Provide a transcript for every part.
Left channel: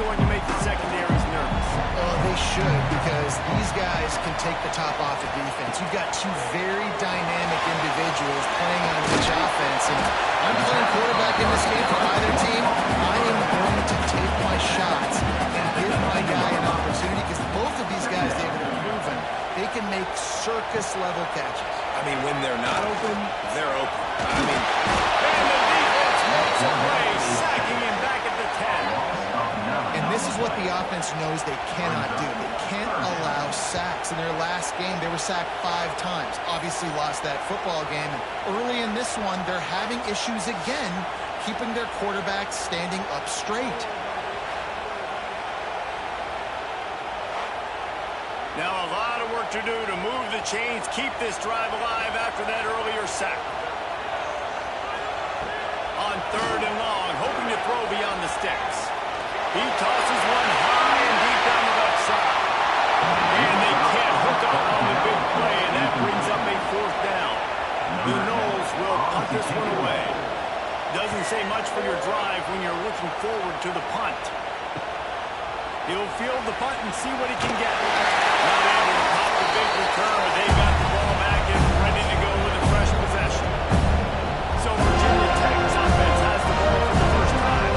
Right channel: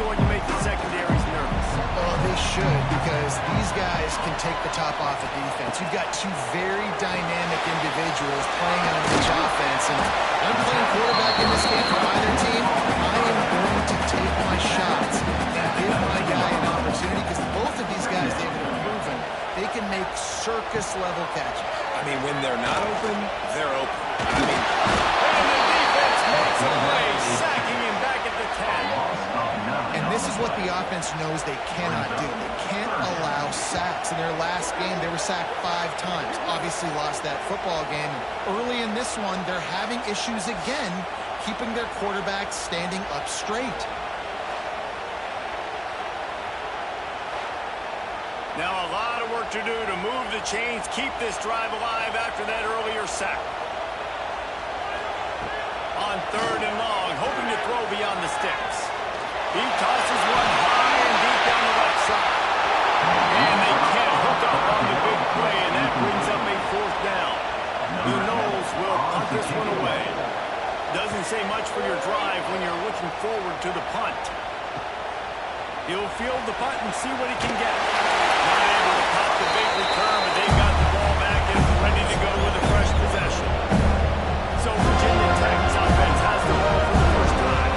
going to make the secondaries nervous. Oh, they should, because these guys can take the top off the defense. You've got two very dynamic individuals playing on each offense, and I'm playing quarterback in this game for either team. I am going to take my shots and give my guy an opportunity, because both of these guys, David, have proven they can make circus-level catches. I mean, when they're not open, they're open. I mean... And the defense makes a play, sacking him back at the 10. And this is what the offense knows they cannot do. They can't allow sacks. In their last game, they were sacked 5 times. Obviously lost that football game. And early in this one, they're having issues again, keeping their quarterback standing up straight. Now a lot of work to do to move the chains, keep this drive alive after that earlier sack. On 3rd and long, hoping to throw beyond the sticks. He tosses one high and deep down the left side. And they can't hook up on the big play, and that brings up a 4th down. The Knowles will punt this one away. Doesn't say much for your drive when you're looking forward to the punt. He'll field the punt and see what he can get. Not able to pop the big return, but they've got the ball back and ready to go with a fresh possession. So Virginia Tech's offense has the ball for the first time.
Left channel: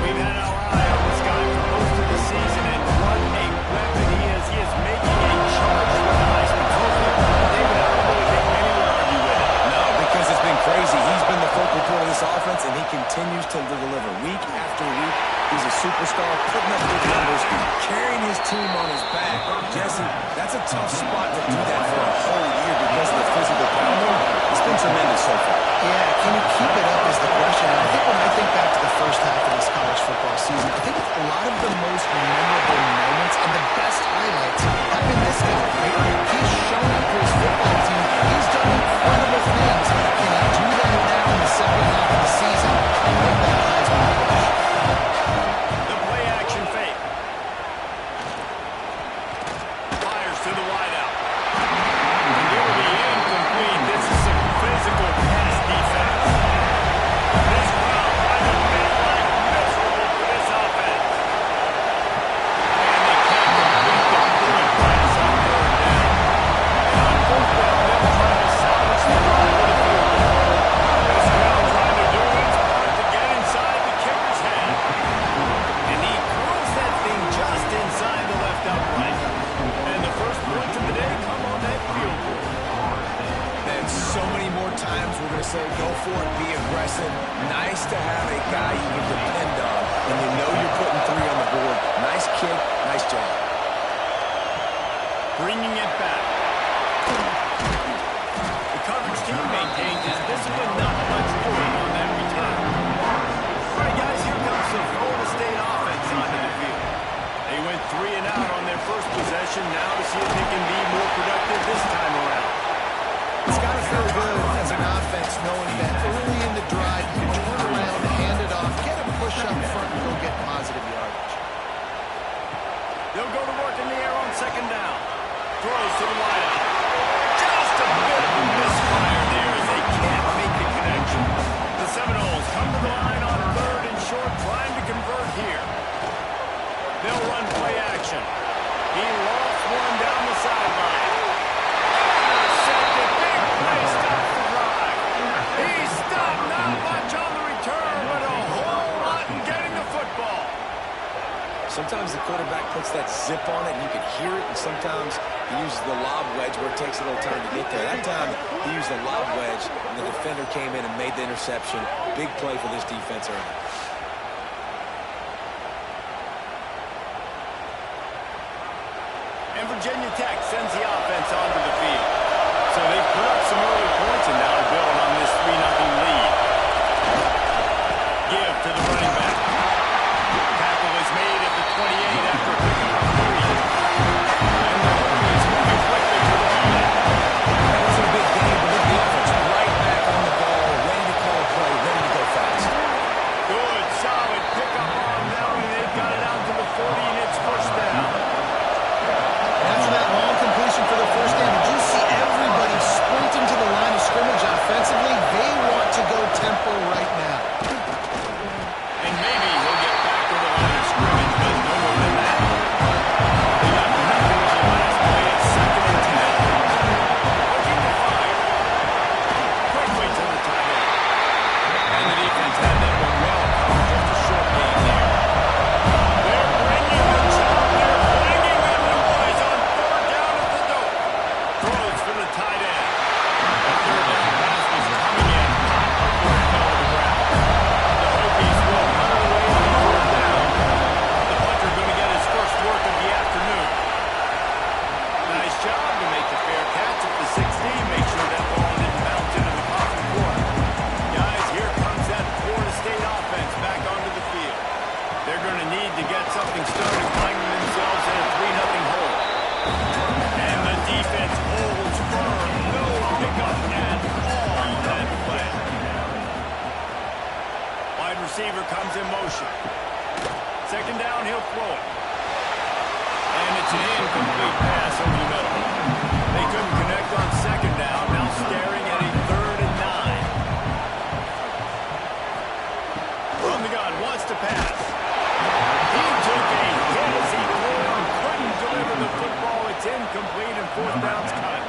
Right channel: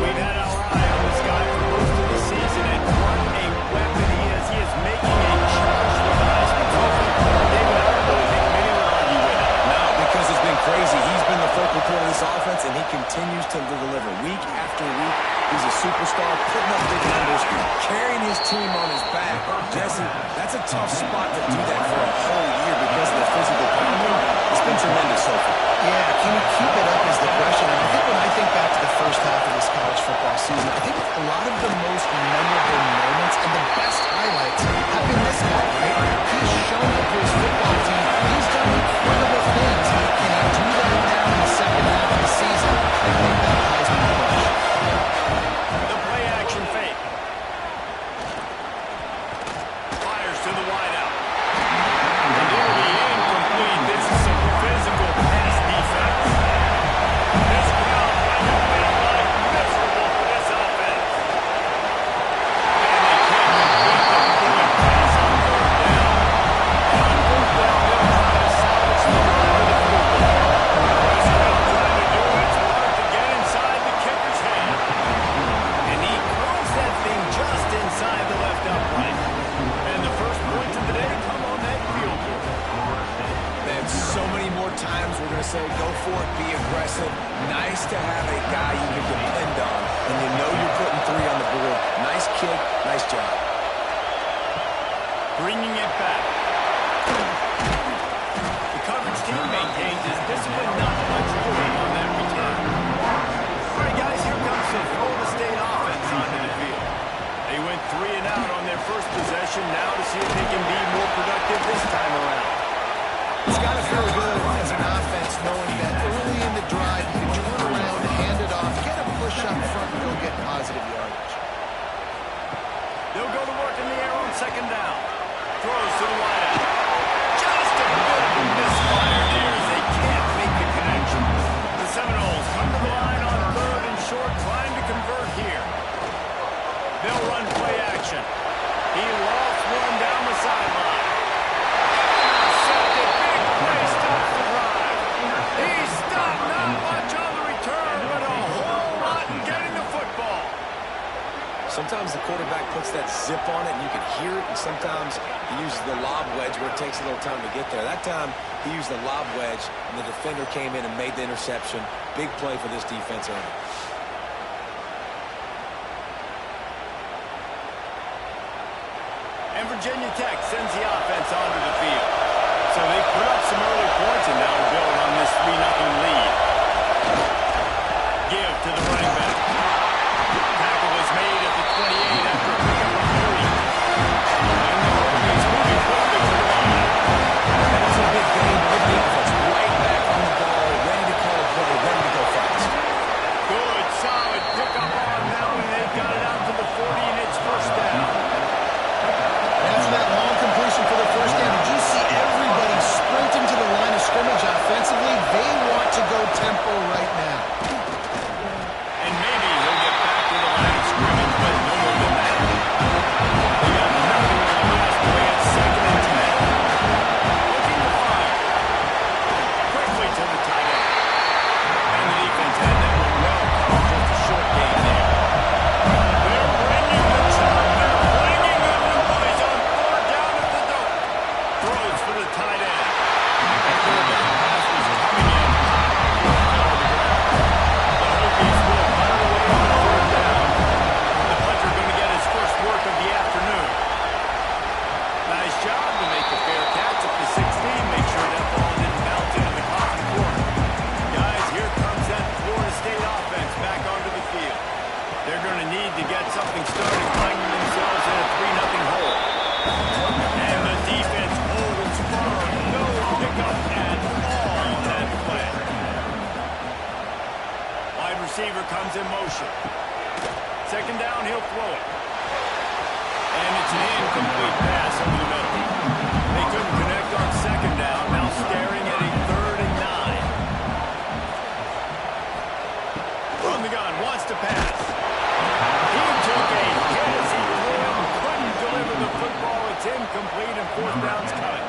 We've had our eye on this guy for most of the season, and what a weapon he is. He is making a charge for the Heisman Trophy. David, I don't really think many would argue with it. No, because it's been crazy. He's been the focal point of this offense, and he continues to deliver week after week. He's a superstar, putting up big numbers, carrying his team on his back. Jesse, that's a tough spot to do that for a whole year because of the physical pounding. It's been tremendous so far. Yeah, can he keep it up is the question. And I think when I think back to the first half of this college football season, I think a lot of the most memorable moments and the best highlights have been this guy, right? He's shown up for his football team. He's done incredible things. Can he do that now in the second half of the season and make that Heisman push? The play action fake. Fires to the wideout. And it'll be incomplete. This is some physical pass defense. This crowd trying to make life miserable for this offense. And they can't complete the bullet pass on 3rd down. And on 4th down, they'll try to salvage the drive with a field goal. This crowd trying to do its part to get inside the kicker's head. And he curls that thing just inside the left upright. And the first points of the day come on that field goal. Man, so many more times we're going to say, go for it, be aggressive. Nice to have a guy you can depend on, and you know you're putting 3 on the board. Nice kick, nice job. Bringing it back. The coverage team maintains his discipline, not much doing on that return. All right, guys, here comes the Florida State offense onto the field. They went 3 and out on their first possession, now to see if they can be more productive this time around. It's got to feel good as an offense knowing that early in the drive you can turn around, hand it off, get a push up front, and go get positive yardage. They'll go to work in the air on 2nd down. Throws to the wideout. Just a bit of a misfire there as they can't make the connection. The Seminoles come to the line on 3rd and short, trying to convert here. They'll run play action. He lofts one down the sideline. Intercepted. Big play stops the drive. He stopped not much on the return, but a whole lot in getting the football. Sometimes the quarterback puts that zip on it and you can hear it, and sometimes he uses the lob wedge where it takes a little time to get there. That time he used the lob wedge and the defender came in and made the interception. Big play for this defense early. And Virginia Tech sends the offense onto the field. So they've put up some early points and now to build on this 3-0 lead. Give to the running back. Tackle is made at the 28 after a pickup of 3. And the Hokies moving quickly to the line. That wasn't a big game, but look at the offense right back on the ball, ready to call a play, ready to go fast. Good, solid pickup on that one. They've got it out to the 40 and it's 1st down. After that long completion for the 1st down, did you see everybody sprinting to the line of scrimmage offensively? They want to go tempo right now. And maybe he'll get back to the line of scrimmage, but They're going to need to get something started, finding themselves in a 3-0 hole. And the defense holds firm. No pickup at all on that play. Wide receiver comes in motion. Second down, he'll throw it. And it's an incomplete pass over the middle. They couldn't connect on second down, now staring at a 3rd and 9. From the gun, wants to pass. He took a hit as he threw it and couldn't deliver the football. It's incomplete and 4th down's coming.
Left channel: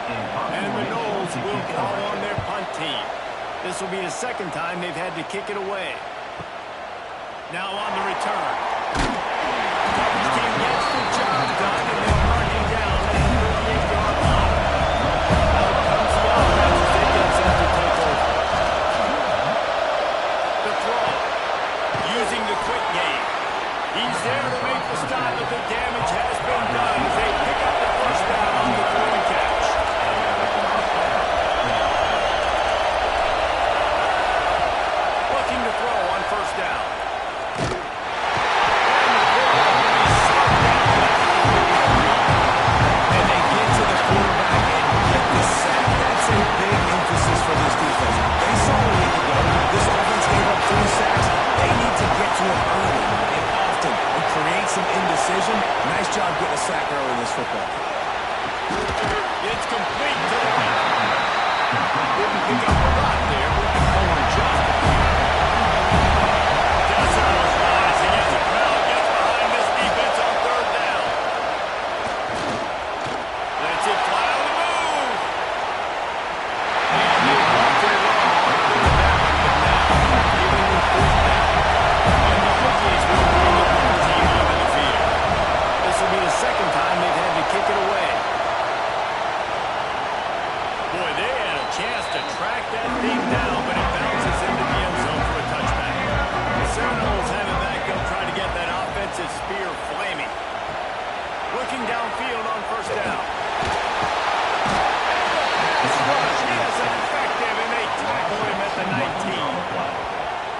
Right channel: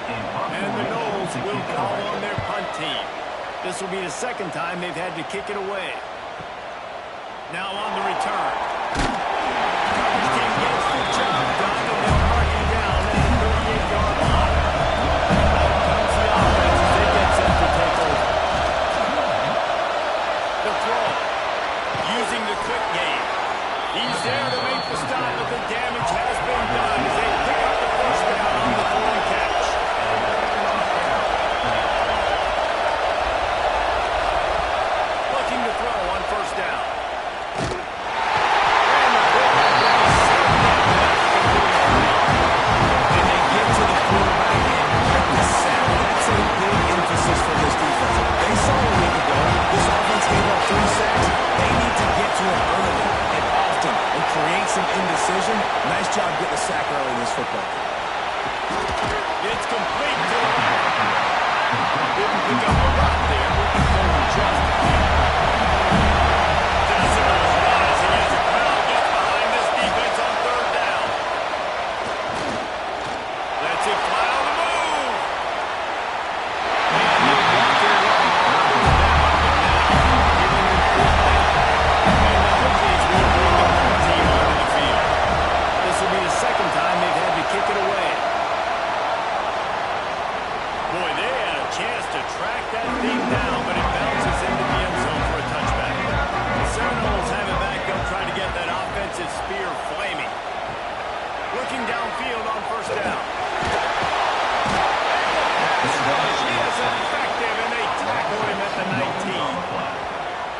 And the Noles will call on their punt team. This will be the 2nd time they've had to kick it away. Now on the return. Coverage team gets the job done, and they'll mark him down at the 38-yard line. Out comes the offense as they get set to take over. The throw. Using the quick game. He's there to make the stop, but the damage has been done as they pick up the 1st down on the throw and catch. Looking to throw on 1st down. And the quarterback will be slowed down back at the 43. And they get to the quarterback and get the sack. That's a big emphasis for this defense. They saw a week ago. This offense gave up 3 sacks. They need to get to him early and often and create some indecision. Nice job getting a sack early in this football. It's complete to the left. Didn't pick up a lot there. Moving forward just a few. Decibels rising as the crowd gets behind this defense on 3rd down. Lets it fly on the move. And they walked it along on 3rd down, but now giving them 4th down. And the Hokies will bring the punt team onto the field. This will be the 2nd time they've had to kick it away. Boy, they had a chance to track that thing down, but it bounces into the end zone for a touchback. The Seminoles have it back. They'll try to get that offensive spear flaming. Looking downfield on 1st down. And the pass rush is effective, and they tackle him at the 19.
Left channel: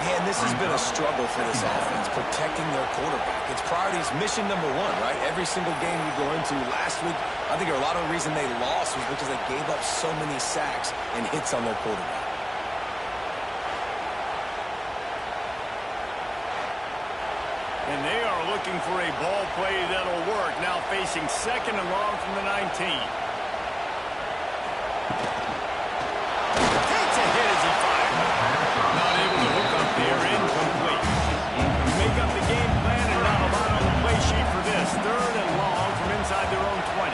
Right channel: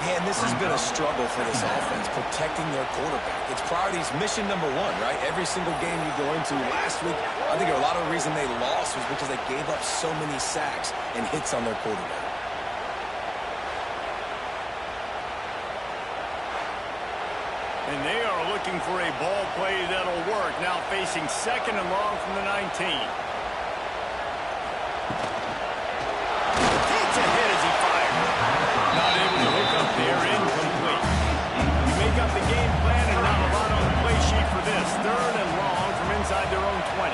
Man, this has been a struggle for this offense, protecting their quarterback. It's priorities, mission number 1, right? Every single game you go into. Last week, I think a lot of the reason they lost was because they gave up so many sacks and hits on their quarterback. And they are looking for a ball play that'll work. Now facing 2nd and long from the 19. Takes a hit as he fires. Not able to hook up there, incomplete. You make up the game plan and not a lot on the play sheet for this. 3rd and long from inside their own 20.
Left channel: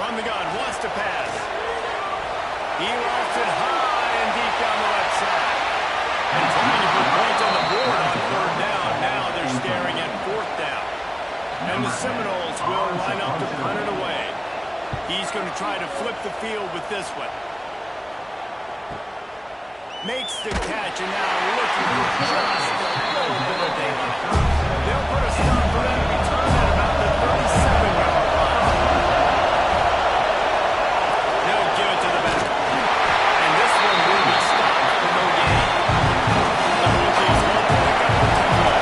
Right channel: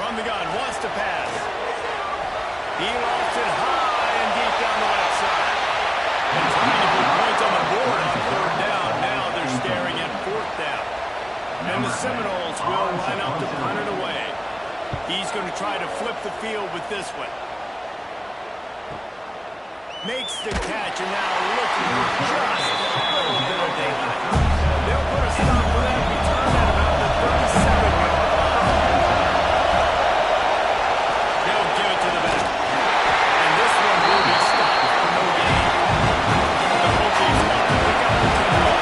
From the gun, wants to pass. He lofts it high and deep down the left side. And trying to put points on the board on 3rd down. Now they're staring at 4th down. And the Seminoles will line up to punt it away. He's going to try to flip the field with this one. Makes the catch, and now looking for just a little bit of daylight. They'll put a stop to that return at about the 37-yard line. They'll give it to the back. And this one will be stopped for no gain. The Hokies want to pick up the tempo.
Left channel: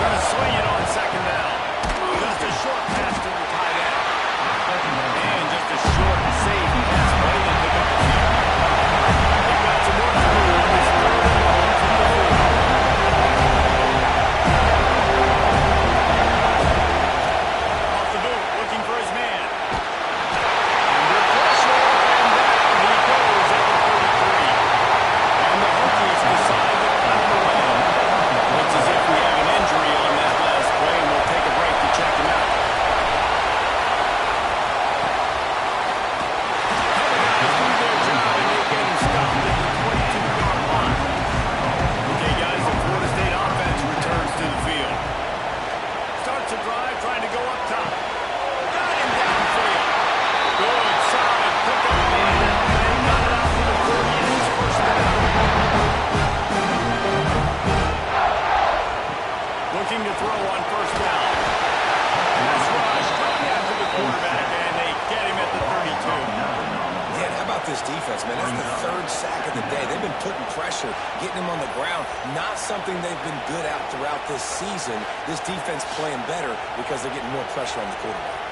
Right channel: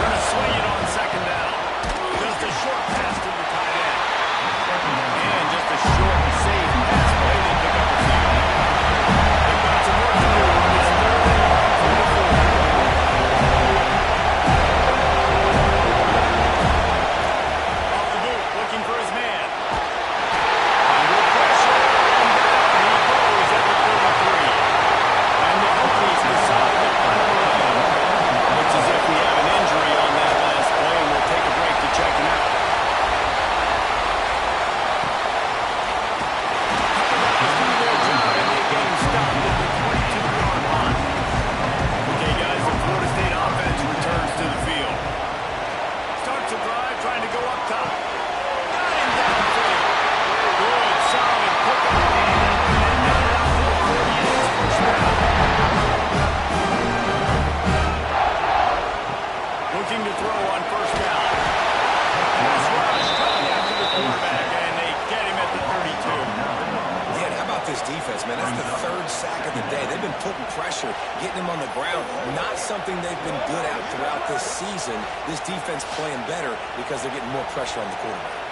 Going to swing it on 2nd down. Just a short pass to the tight end. And just a short, safe pass play to pick up the field. They've got some the day. They've been putting pressure, getting him on the ground. Not something they've been good at throughout this season. This defense playing better because they're getting more pressure on the quarterback.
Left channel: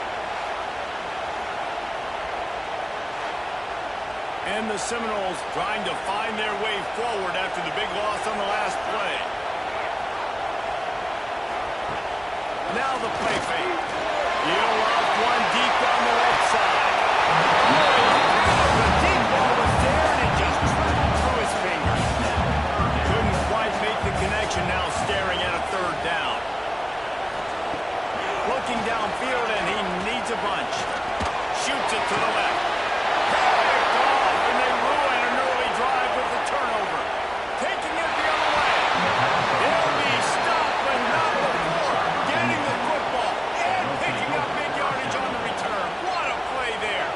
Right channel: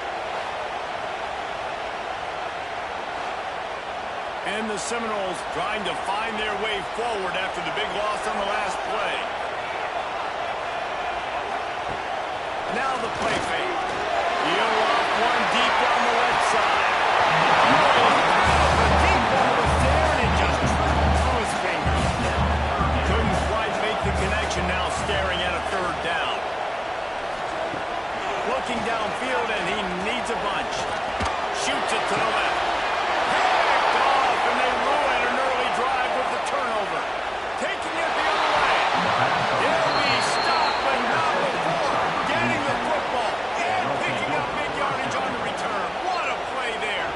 And the Seminoles trying to find their way forward after the big loss on the last play. Now the play fake. He'll off one deep down the left side. Oh, he had it. The deep ball was there, and it just trickled through his fingers. Couldn't quite make the connection, now staring at a third down. Looking downfield, and he needs a bunch. Shoots it to the left. Picked off, and they ruin an early drive with the turnover. Taking it the other way. He'll be stopped, but not before getting the football and picking up big yardage on the return. What a play there.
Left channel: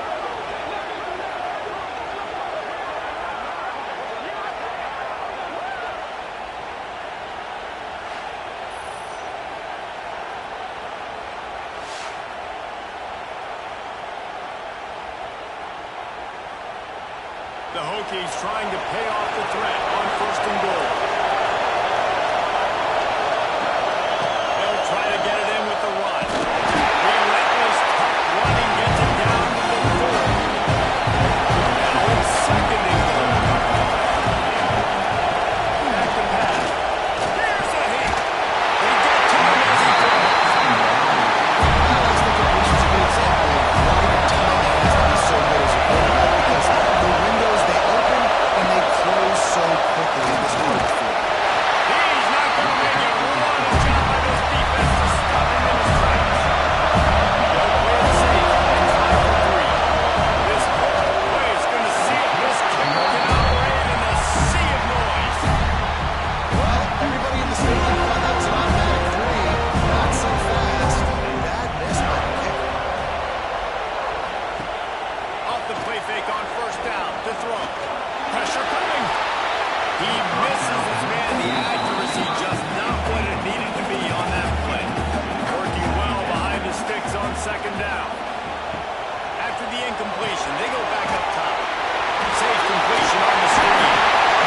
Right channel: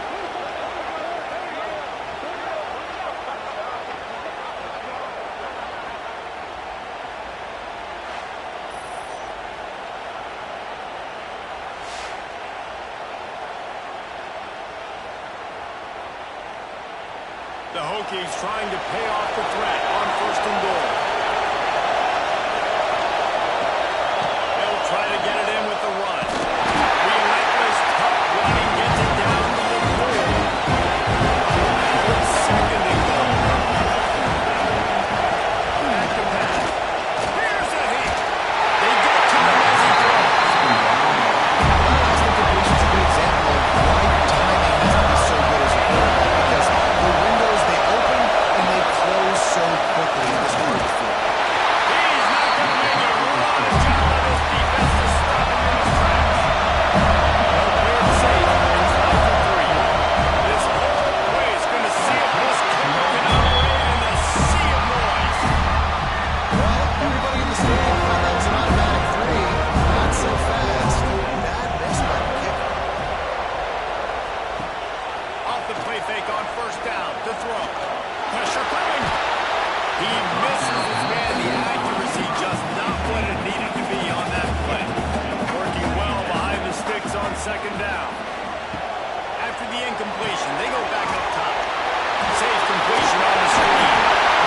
The Hokies trying to pay off the threat on 1st and goal. They'll try to get it in with the run. Relentless, tough running gets it down to the 4. Now it's 2nd and goal. Back to pass. Here's a hit. They get to him as he throws. That last incompletion is a good example of why your timing has to be so good as a quarterback, because the windows, they open and they close so quickly in this part of the field. He's not going to make it. What a job by this defense to stop him in his tracks. They'll play it safe and try for 3. This whole play is going to see if this kicker can operate in a sea of noise. Well, everybody in the stadium thought that was an automatic 3. Not so fast. Bad miss by the kicker. Off the play fake on 1st down to throw. Pressure coming. He misses his man. The accuracy just not what it needed to be on that play. Working well behind the sticks on 2nd down. After the incompletion, they go back up top. Safe completion on the screen.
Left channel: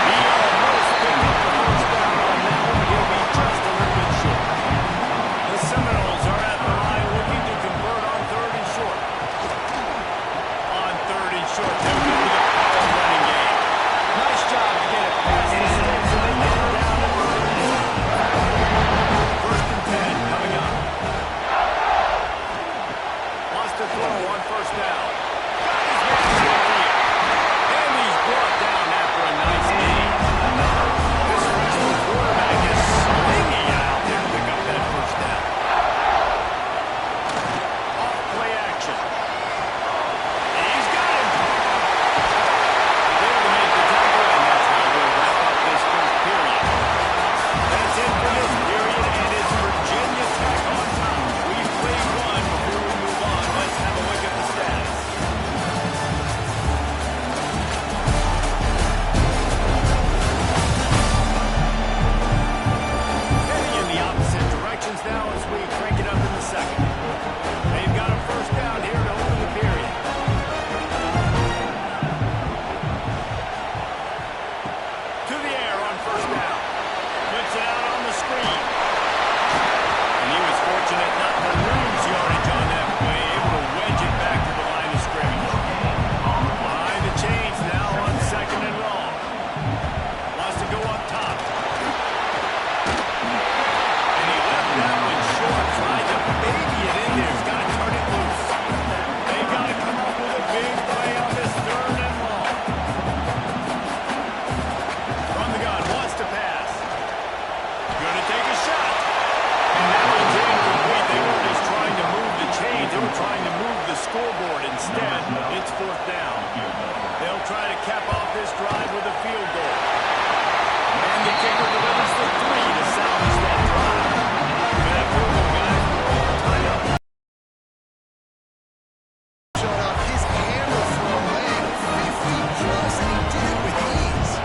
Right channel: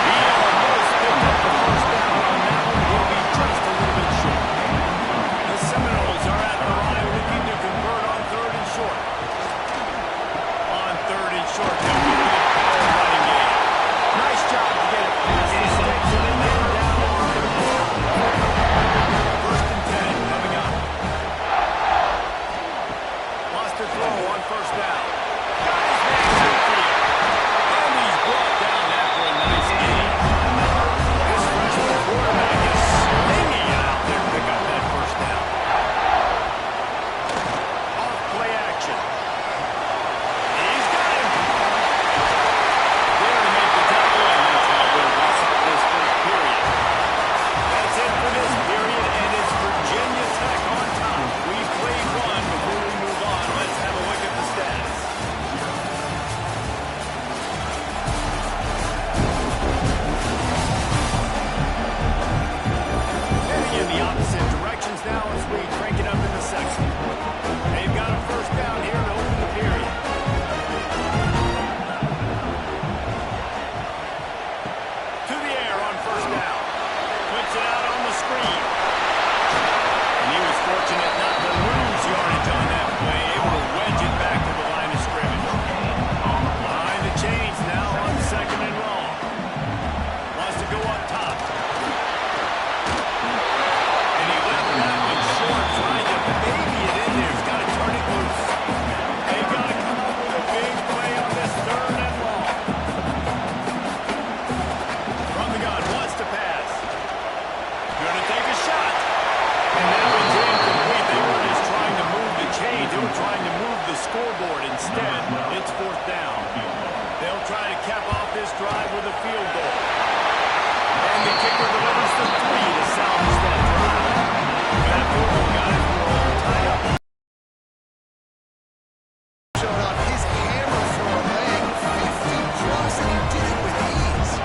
He almost picked up the 1st down on that one, but he'll be just a little bit short. The Seminoles are at the line looking to convert on 3rd and short. On 3rd and short, they'll go with a power running game. Nice job to get it past the sticks, and they get it down to the 30. 1st and 10 coming up. Wants to throw on 1st down. Got his man downfield. And he's brought down after a nice gain. This freshman quarterback is slinging it out there to pick up that 1st down. Off play action. He's got him. There to make the tackle, and that's how we'll wrap up this 1st period. That's it for this period, and it's Virginia Tech on top. We've played 1 before we move on. Let's have a look at the stats. Heading in the opposite directions now as we crank it up in the 2nd. They've got a 1st down here to open the period. To the air on 1st down. Puts it out on the screen. And he was fortunate not to lose yardage on that play, able to wedge it back to the line of scrimmage. Behind the chains now on 2nd and long. Wants to go up top. And he left that one short, tried to baby it in there. He's got to turn it loose. They got to come up with a big play on this 3rd and long. From the gun, wants to pass. Going to take a shot. And that one's incomplete. They weren't just trying to move the chains. They were trying to move the scoreboard. Instead, it's 4th down. They'll try to cap off this drive with a field goal. And the kicker delivers the 3 to salvage that drive. For that field goal, guys, we're all tied up. Showed off his hammer for a leg, 50 plus, and he did it with ease.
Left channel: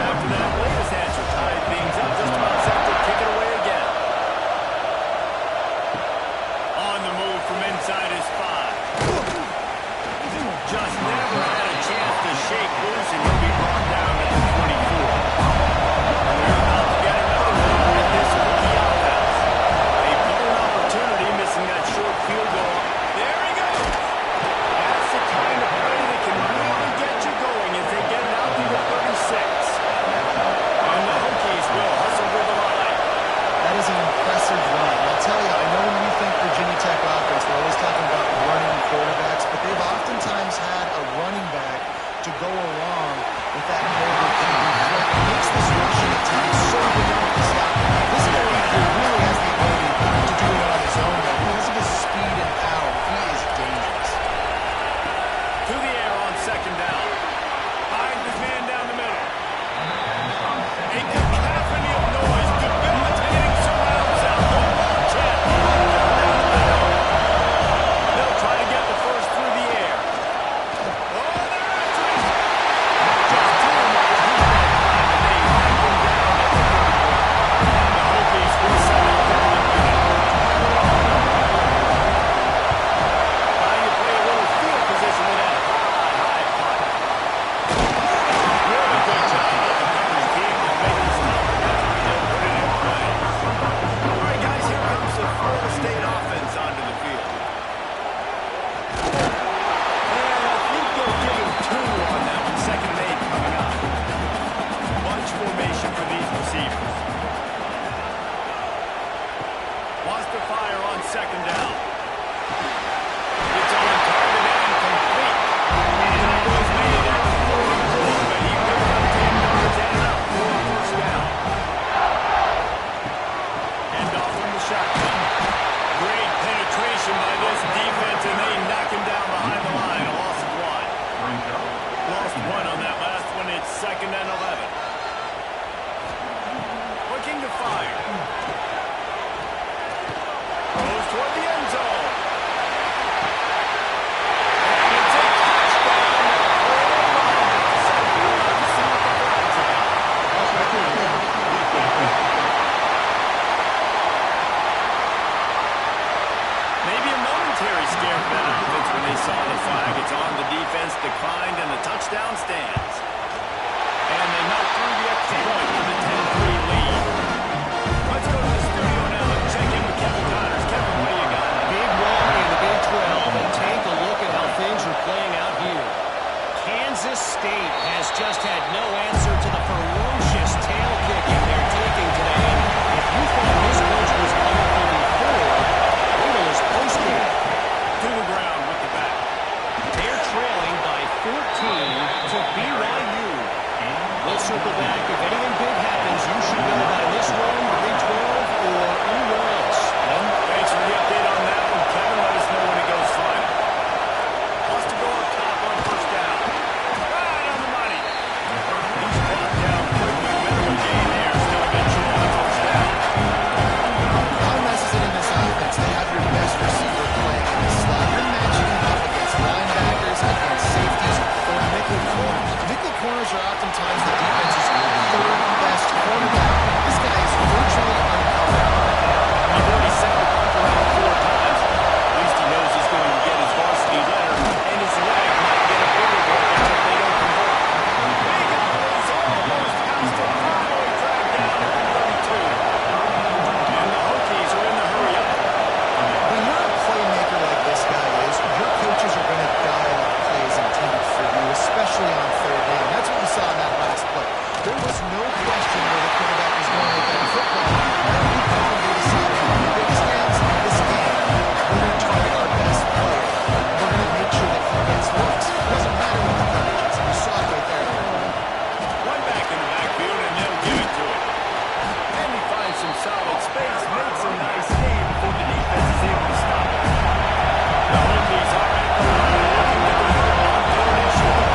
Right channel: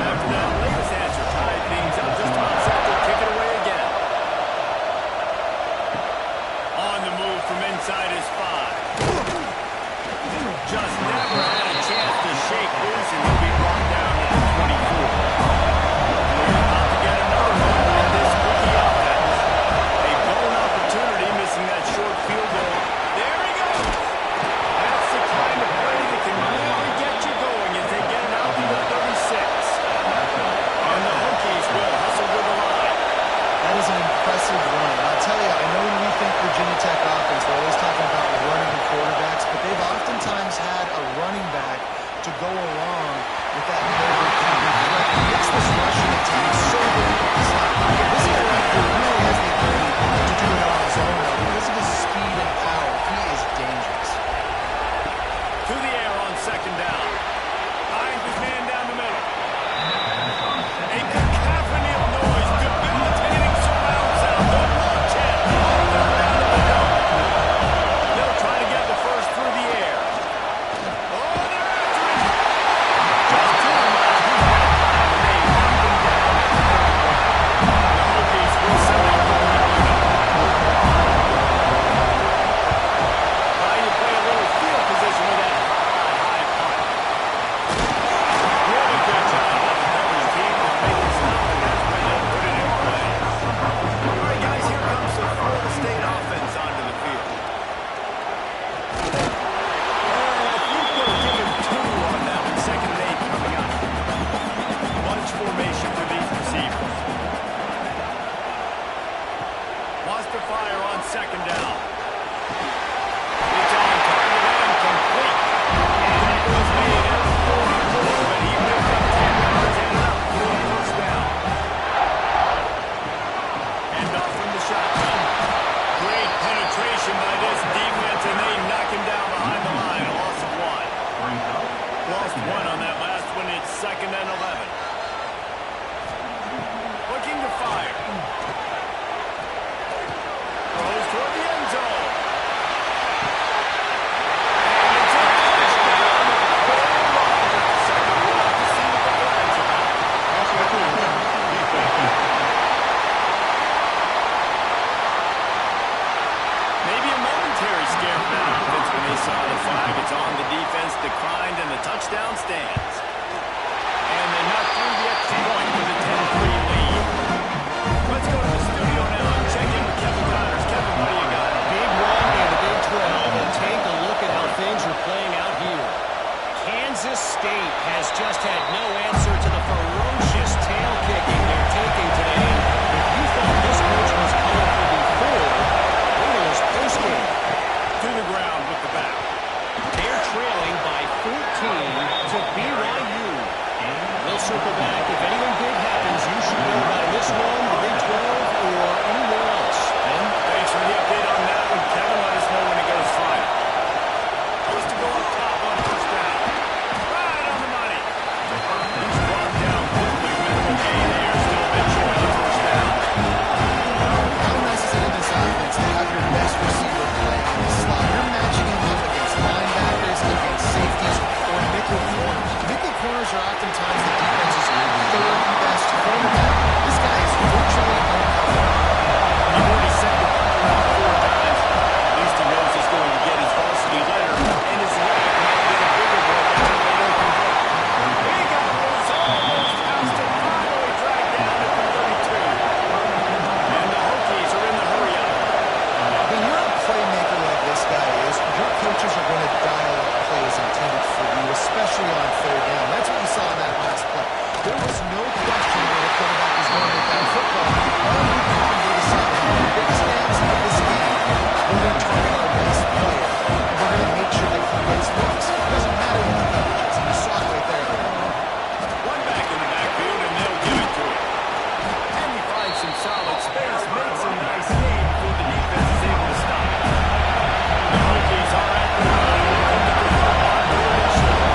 After that latest answer tied things up, just about set to kick it away again. On the move from inside his 5. Just never had a chance to shake loose, and he'll be brought down at the formation for these receivers. Wants to fire on second down. It's on target and complete. That was made at the 44, but he picked up 10 yards and enough for a first down. Hand off from the shotgun. Great penetration by this defense, and they knock him down behind the line. A loss of 1. Lost 1 on that last one. It's 2nd and 11. Looking to fire. Throws toward the end zone. And it's a touchdown. Hold on just a second. We'll have to see what the flag's about. Maybe a momentary scare for that offense when they saw the flag. It's on. The defense declined, and the touchdown stands. And they knock through the extra point for the 10-3 lead. Let's go to the studio now and check in with Kevin Connors. Kevin, what do you got? Big one in the Big 12, and take a look at how things are playing out here. Kansas State has just had no answer to the ferocious tail kicking they're taking today. And if you thought this coach was colorful before, wait till his postgame. To the ground with the back. They're trailing by 14 to BYU. We'll circle back. If anything big happens, you should know about in this one, the Big 12, or anywhere else. And thanks for the update on that one, Kevin. Let us know when it goes final. Wants to go up top on first down. Right on the money. He's brought down quickly. Minimal gain there. Still a bit short of the first down. How nice is it in this offense to have your best receiver playing in the slot? You're matching him up against linebackers, against safeties, or nickel corners. Nickel corners are oftentimes the defense's third best cornerback. This guy is virtually uncovered. You've already sent the punt around 4 times. At least he knows he's going to get his varsity letter, and his leg might get a bigger workout if they don't convert. Big Apple's almost housed him, finally dragged down at the 32. And the Hokies are in the hurry-up. When you're a playmaker like this guy is, your coaches are going to dial up plays intended for you, especially on third down. That's what you saw in that last play. There was no question where the quarterback was going with that football. All week long, they decided the biggest downs in this game, we're going to target our best player, and we're going to make sure that he gets looks. It doesn't matter what the coverage is, and you saw it right there. One back in the backfield, and they'll give it to him. And he finds some solid space, makes a nice game before the defense is able to stop it. The Hokies are at the line, looking to convert on 3rd and short.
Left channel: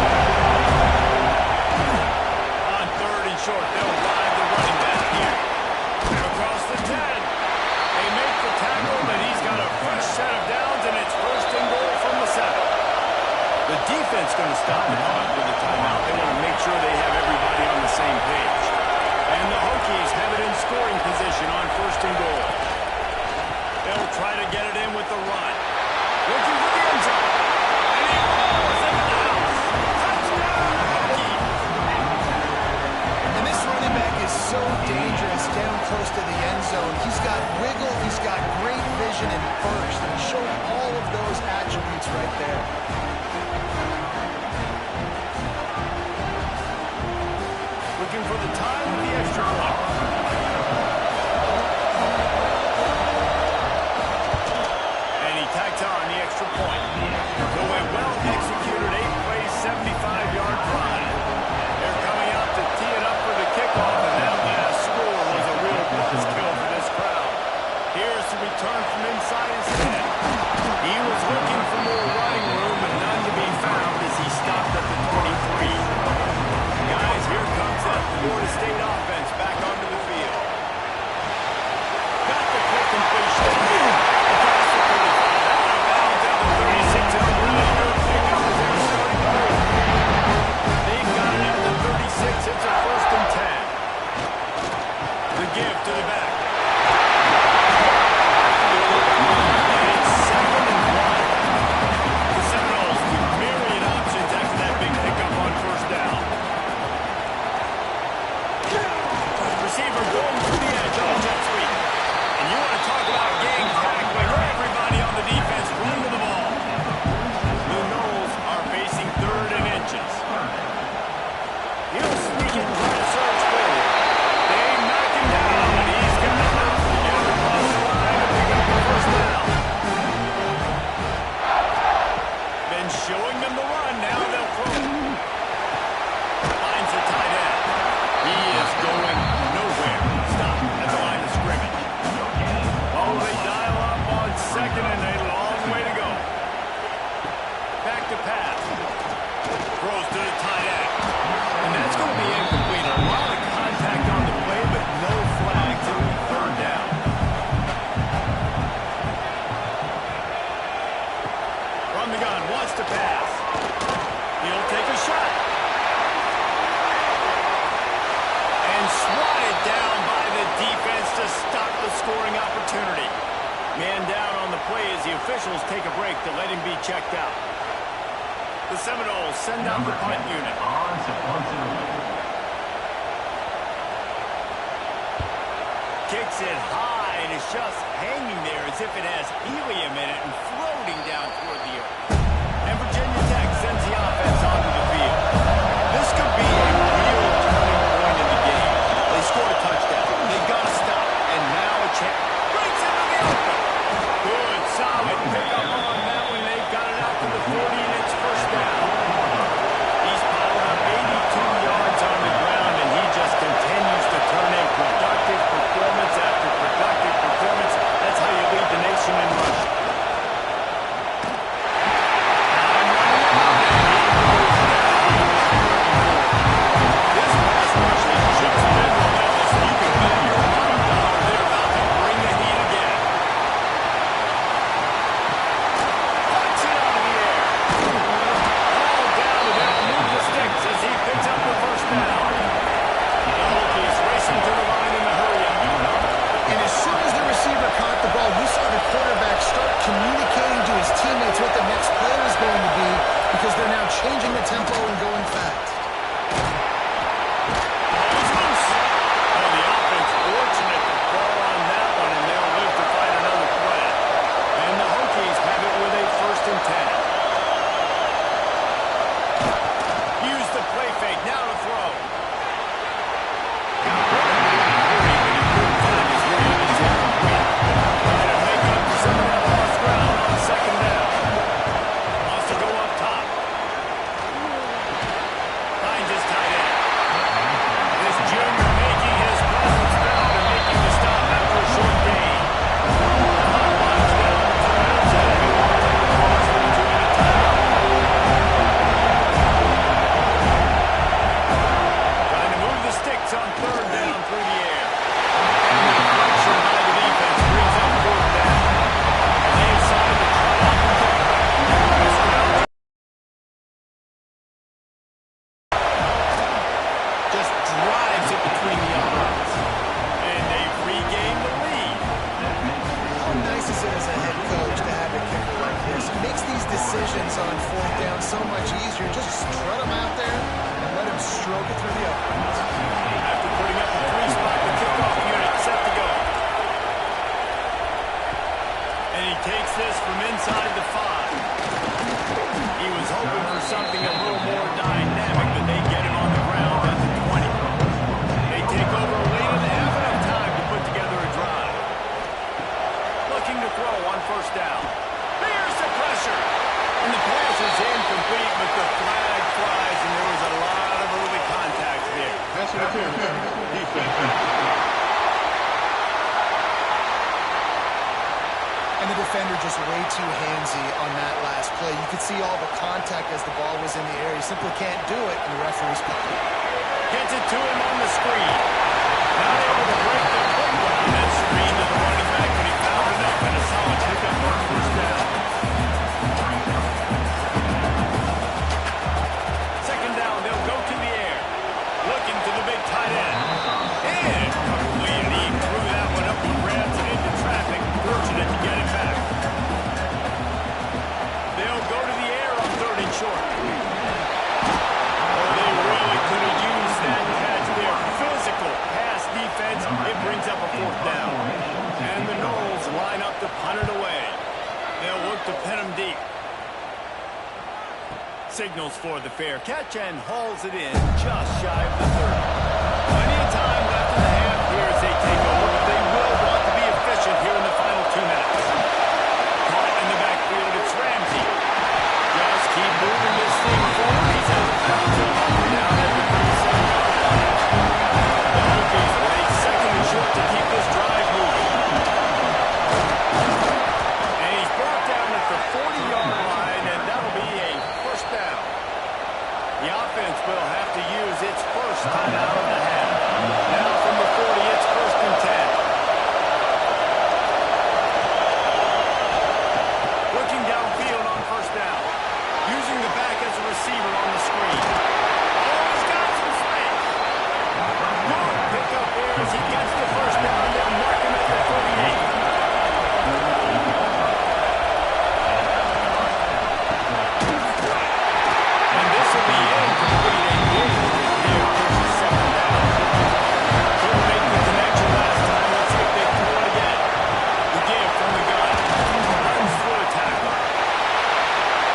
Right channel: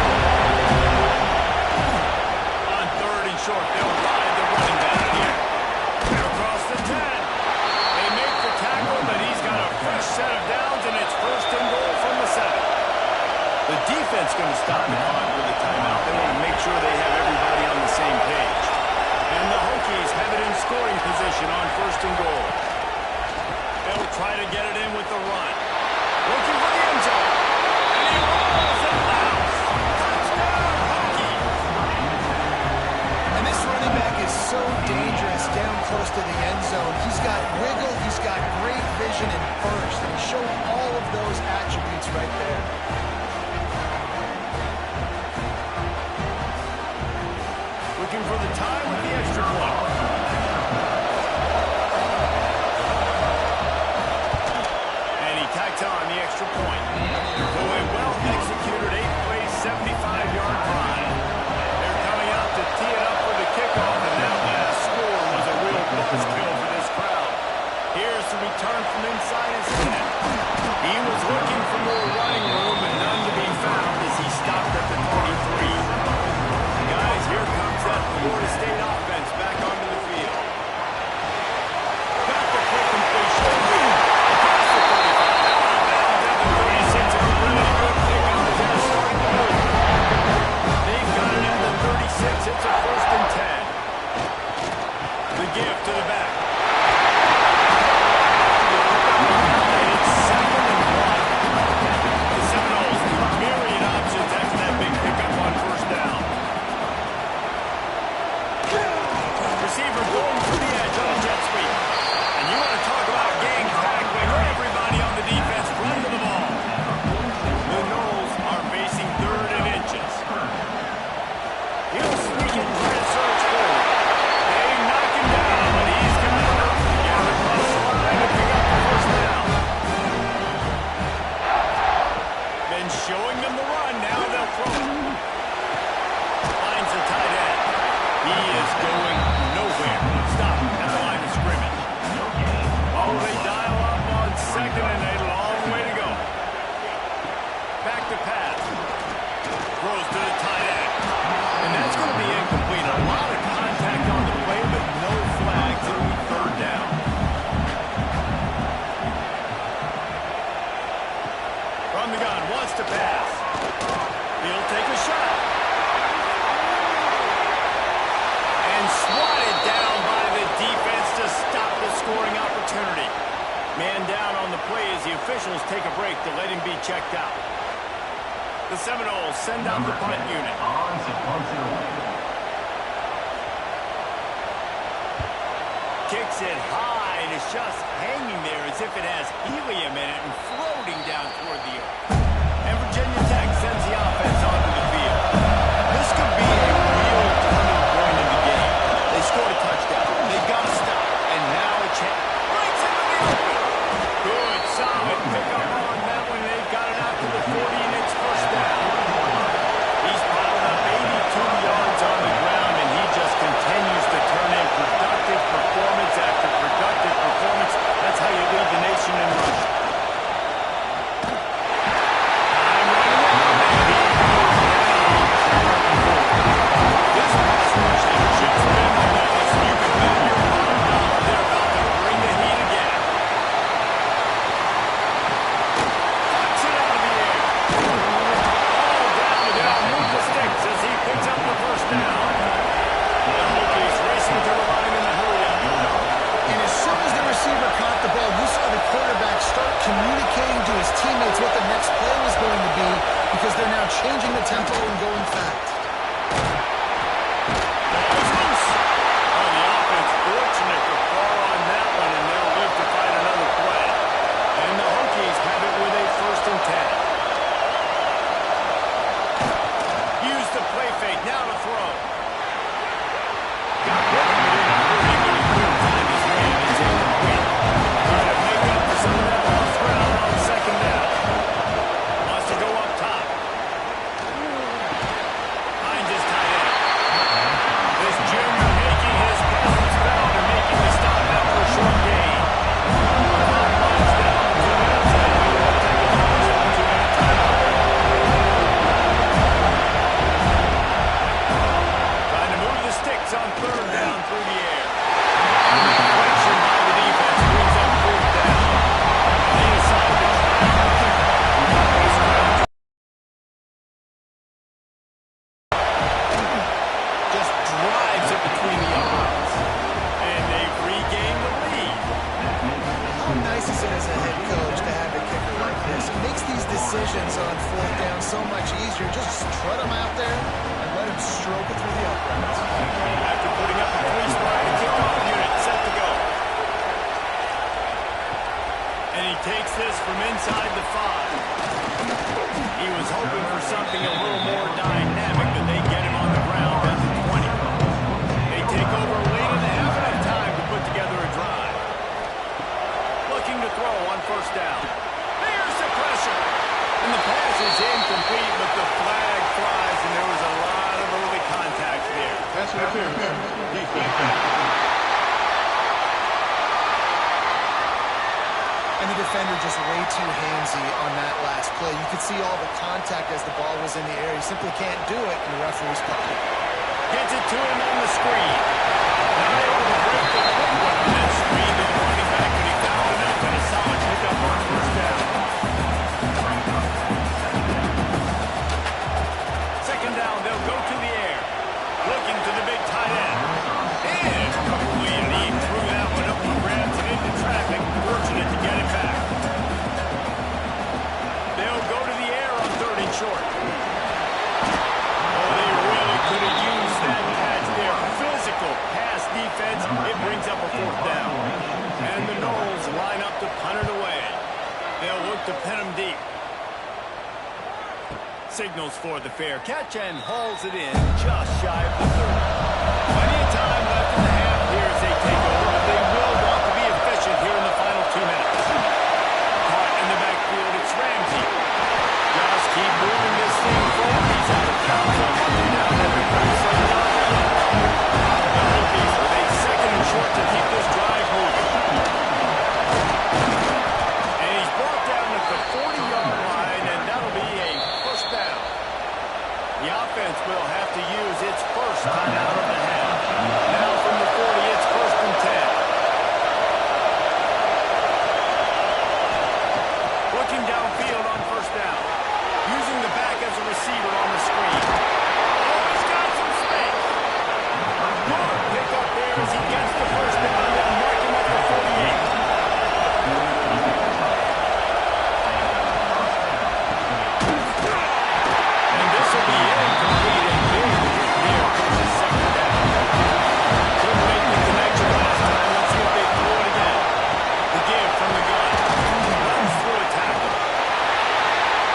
On 3rd and short, they'll ride the running back here. Across the 10. They make the tackle, but he's got a fresh set of downs, and it's 1st and goal from the 7. The defense going to stop the clock with a timeout. They want to make sure they have everybody on the same page. And the Hokies have it in scoring position on 1st and goal. They'll try to get it in with the run. Looking for the end zone. And he rolls into the house. Touchdown, Hokies! And this running back is so dangerous down close to the end zone. He's got wiggle, he's got great vision and burst, and he showed all of those attributes right there. Looking for the tie with the extra point. And he tacked on the extra point. So a well-executed 8-play, 75-yard drive. They're coming out to tee it up for the kickoff, and that last score was a real buzzkill for this crowd. Here's the return from inside his 10. He was looking for more running room, but none to be found as he stopped at the 23. Guys, here comes that Florida State offense back onto the field. Got the quick completion. Across the 35. Out of bounds at the 36. And a really good pickup as they're starting to move. They've got it at the 36. It's a 1st and 10. The give to the back. And it's 2nd and 1. The Seminoles with myriad options after that big pickup on 1st down. Receiver going through the edge on a jet sweep. And you want to talk about gang tackling. Everybody on the defense run to the ball. The Noles are facing 3rd and inches. He'll sneak it, try to surge forward. swatted down by the defense to stop the scoring opportunity. Man down on the play as the officials take a break to let him be checked out. The Seminoles send out the punt unit. Kicks it high, and it's just hanging there as if it has helium in it and floating down toward the earth. And Virginia Tech sends the offense onto the field. This could be a real turning point in the game. They scored a touchdown. They got to stop. And now a chance. Breaks into the open. Good, solid pickup on that one. They got it out to the 40, and it's first down. He's piled up 82 yards on the ground, and he just continues to turn in productive performance after productive performance. That's how you lead the nation in rushing. I'm running it, and he goes down. This pass rush has just been relentless. You can bet your bottom dollar they're about to bring the heat again. Puts it out of the air. All down, but they'll move the sticks as he picks up the first down. The Hokies racing to the line in the hurry-up. And as soon as the receiver caught the ball, you saw the quarterback start communicating to his teammates what the next play was going to be because they're now changing the tempo and going fast. Ball's loose. Oh, the offense fortunate to fall on that one, and they'll live to fight another play. And the Hokies have it with a 1st and 10. Use the play fake. Now to throw. Got rid of it in a hurry, but he couldn't find his man. It's incomplete. Trying to make up for some of that lost ground on 2nd down. Wants to go up top. Finds his tight end. This junior making his presence felt and making the stop after a short gain. Clock winds down to 2 minutes, and we will take a pause for a 2-minute timeout. Trying to move the sticks on 3rd down through the air. And the deflection by the defense brings up 4th down. And they decide to try out the kicker. This ground just drives it between the uprights. And they've regained the lead. How nice is it as a head coach to have a kicker like this? It makes these decisions on 4th down so much easier. Just strut him out there and let him stroke it through the uprights. After putting up a 3-spot, the kickoff unit set to go. And he takes this from inside the 5. He was hoping for something a little more dynamic, but they get him on the ground at the 20. They take over late and have enough time to put together a drive. Looking to throw on 1st down. Here's the pressure. And the pass is incomplete, but the flag flies, and there was a lot of early contact there. Pass interference. Defense. And the defender just way too handsy on that last play. You could see all the contact as the ball was in the air. He simply can't do it, and the referee's caught it. Gets it to him on the screen. Not able to break the quick one on that screen to the running back, but he found enough and a solid pickup on 1st down. 2nd down, they'll go to the air. Looking to the big tight end. Incomplete, and he threw that one up for grabs and into traffic. Fortunate to get it back. They'll go to the air on 3rd and short. Oh, they really could have used that catch there. Physical pass defense. It brings up a 4th down. And the Noles line up to punt it away. They'll look to pin him deep. Signals for the fair catch and hauls it in just shy of the 30. Plenty of time left in the half here as they take over, but they will want to be efficient here in the final 2 minutes. Caught in the backfield, it's Ramsey. Just keep moving this thing forward. He's out of bounds. He'll mark him down at the 37-yard line. The Hokies with a 2nd and short to keep this drive moving. And he's brought down at the 40-yard line, and that'll be a 1st down. The offense will have to use its first timeout of the half. Now from the 40, it's 1st and 10. Looking downfield on 1st down. Using the back as a receiver on the screen. Oh, he's got some space. Good pick there as he gets the first down. They'll mark him at the 48. And this will be incomplete. A big hit there versus second down. Couldn't make the connection last time. Let's see if they throw it again. The give from the gun. Runs through a tackle.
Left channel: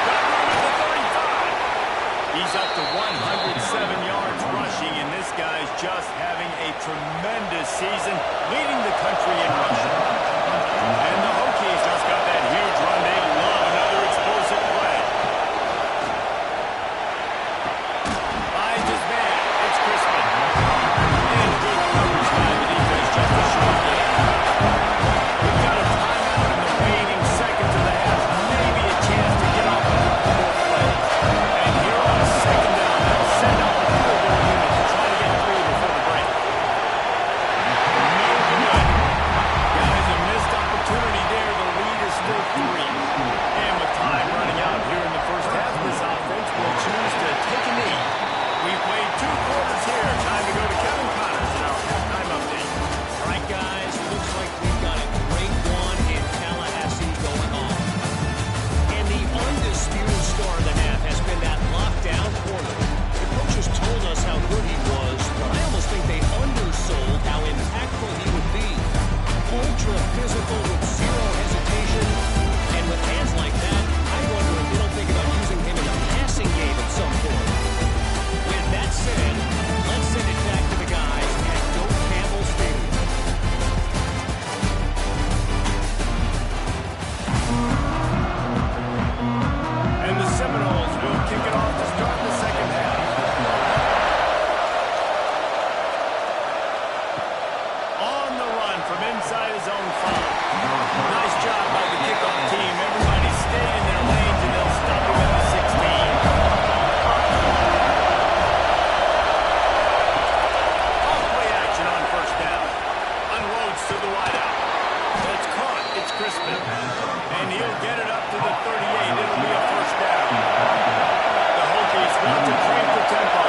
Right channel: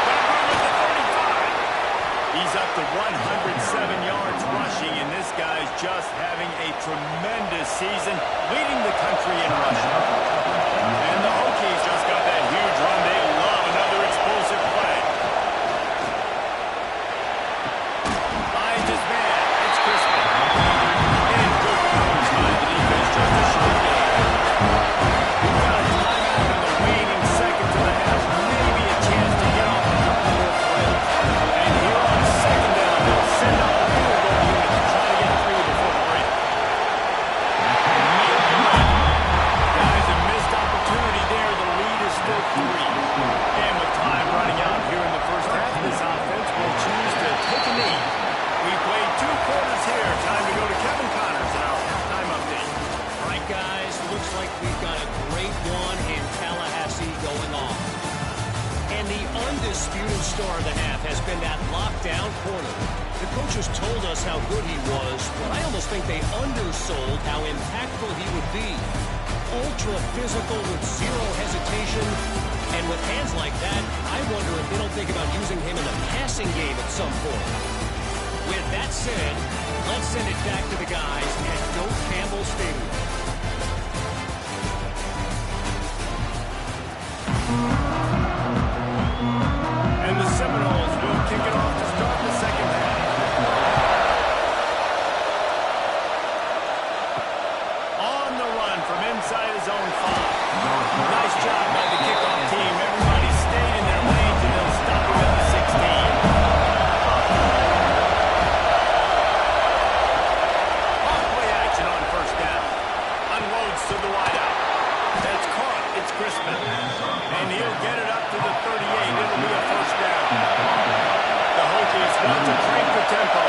Got room at the 35. He's up to 107 yards rushing, and this guy's just having a tremendous season, leading the country in rushing. And the Hokies just got that huge run. They love another explosive play. Finds his man. It's Crispin. And good coverage by the defense, just a short game. We've got a timeout in the waning seconds of the half. Maybe a chance to get off a couple more plays. And here on a second down, they'll send out the field goal unit to try to get 3 before the break. No good. Guys, a missed opportunity there. The lead is still 3. And with time running out here in the first half, this offense will choose to take a knee. We played 2 quarters here. Time to go to Kevin Connors in our halftime update. All right, guys, looks like we've got a great one in Tallahassee going on. And the undisputed star of the half has been that lockdown corner. The coaches told us how good he was, but I almost think they undersold how impactful he would be. Ultra physical with zero hesitation. And with hands like that, I wonder if they don't think about using him in the passing game at some point. With that said, let's send it back to the guys at Doak Campbell Stadium. And the Seminoles will kick it off to start the second half. On the run from inside his own 5. Nice job by the kickoff team. Everybody stayed in their lanes, and they'll stop him at the 16. Off-play action on first down. Unloads to the wideout. That's caught. It's Crispin. And he'll get it up to the 38. It'll be a first down. The Hokies want to crank the tempo.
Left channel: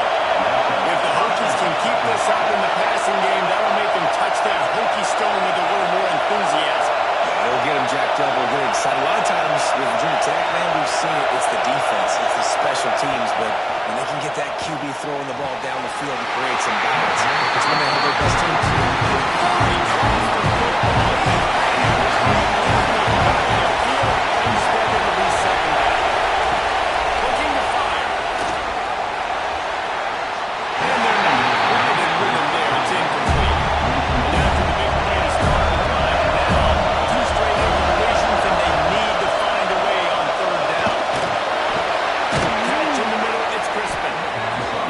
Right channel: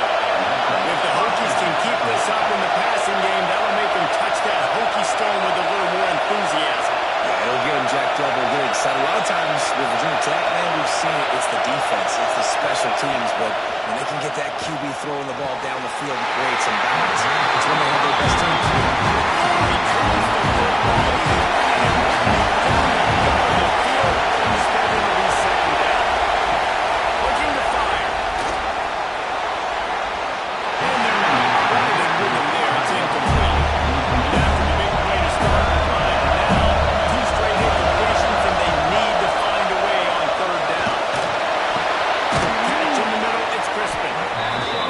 If the Hokies can keep this up in the passing game, that'll make them touch that Hokie stone with a little more enthusiasm. Yeah, it'll get them jacked up. It'll get them excited. A lot of times with Virginia Tech, man, we've seen it. It's the defense. It's the special teams. But when they can get that QB throwing the ball down the field and create some balance, it's when they have their best teams. Oh, he drops the football. He had it right down the gut of the field. Instead, it'll be second down. Looking to fire. And they're not quite in rhythm there. It's incomplete. And after the big play to start the drive, now 2 straight incompletions, and they need to find a way on third down. Catch in the middle, it's Crispin.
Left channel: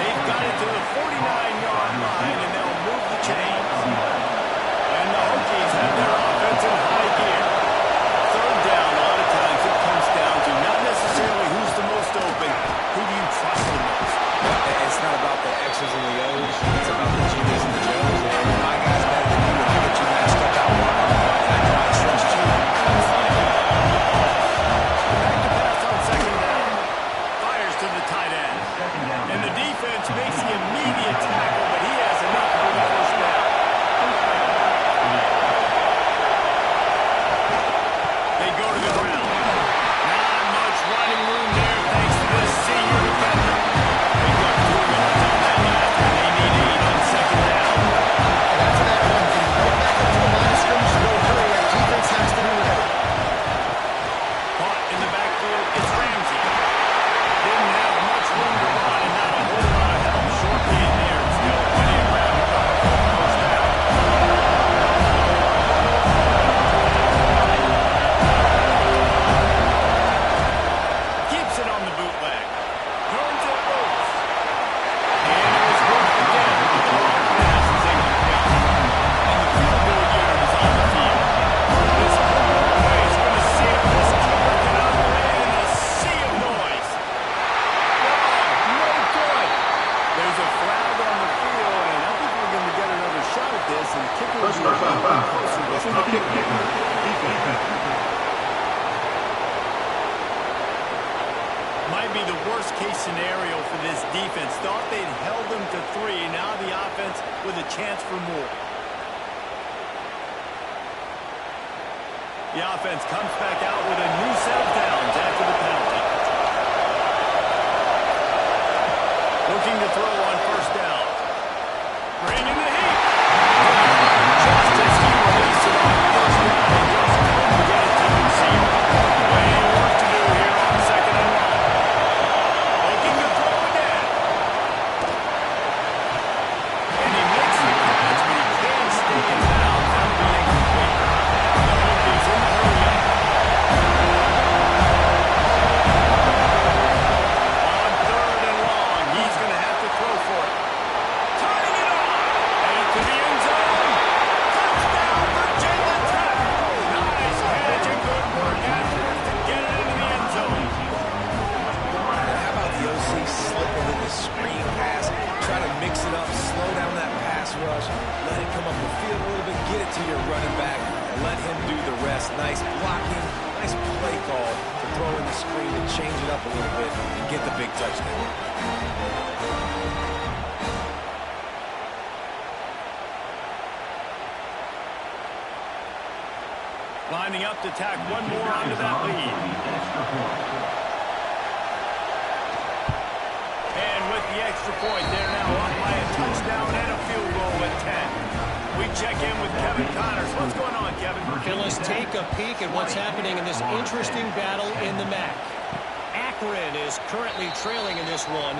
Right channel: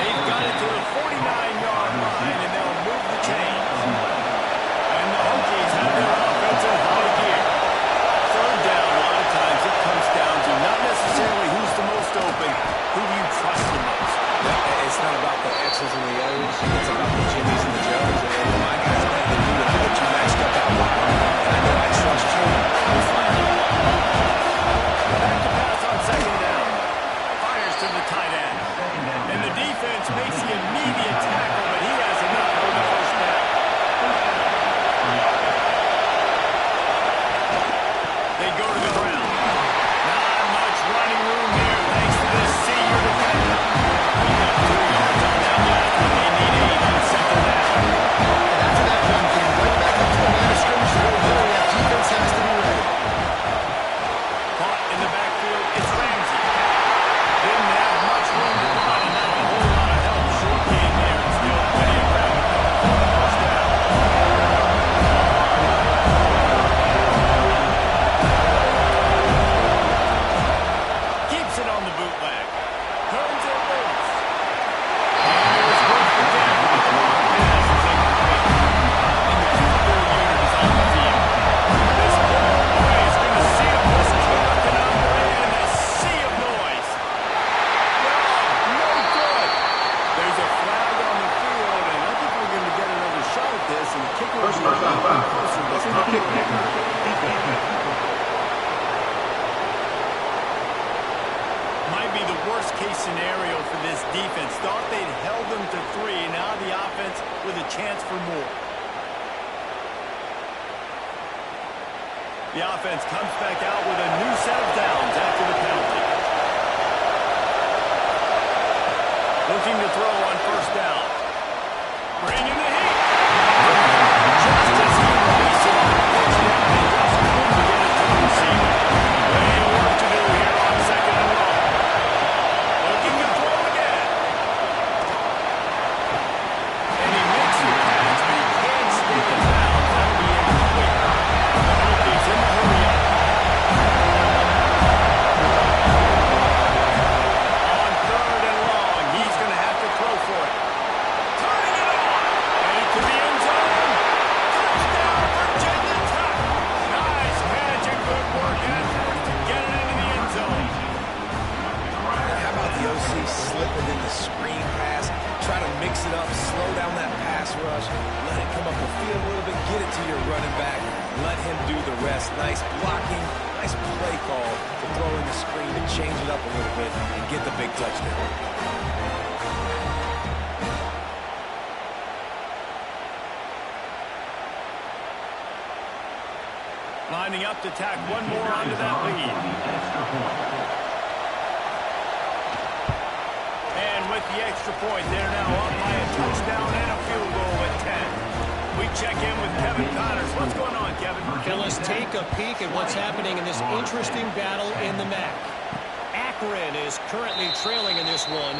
They've got it to the 49-yard line, and they'll move the chains. And the Hokies have their offense in high gear. Third down, a lot of times it comes down to not necessarily who's the most open, who do you trust the most. It's not about the X's and the O's. It's about the Jimmies and the Joes. And if my guy's better than you, and I get you matched up out wide, and I know I trust you, I'm fine. Back to pass on second down. Fires to the tight end. And the defense makes the immediate tackle, but he has enough for the first down. They go to the ground. Not much running room there thanks to this senior defender. They got 2 yards on that last one. They need 8 on second down. And after that run, getting right back up to the line of scrimmage to go hurry up, defense has to be ready. Caught in the backfield, it's Ramsey. Didn't have much room to run, and not a whole lot of help. Short gain there, and still plenty of ground to cover for the first down. Keeps it on the bootleg. Turns it loose. And it was worked again, but the long pass is incomplete. And the field goal unit is on the field. This whole play is going to see if this kicker can operate in a sea of noise. No good. There's a flag on the field, and I think we're going to get another shot at this, and the kicker will be a little bit closer this time. Might be the worst-case scenario for this defense. Thought they'd held them to 3. Now the offense with a chance for more. The offense comes back out with a new set of downs after the penalty. Looking to throw on first down. Bringing the heat. Just as he released it on first down, he just couldn't get it to the receiver. Way work to do here on second and long. Looking to throw again. And he makes the catch, but he can't stay in bounds. That'll be incomplete. The Hokies in the hurry-up. On third and long, he's going to have to throw for it. Turning it on. And into the end zone. Touchdown, Virginia Tech. Nice catch and good work afterwards to get it into the end zone. And how about the OC slipping in the screen pass, try to mix it up, slow down that pass rush, let it come up the field a little bit, get it to your running back, let him do the rest. Nice blocking, nice play call to throw in the screen to change it up a little bit and get the big touchdown. Lining up to tack one more onto that lead. And with the extra point, they're now up by a touchdown and a field goal at 10. We check in with Kevin Connors. What's going on, Kevin? And let's take a peek at what's happening in this interesting battle in the MAC. Akron is currently trailing in this one,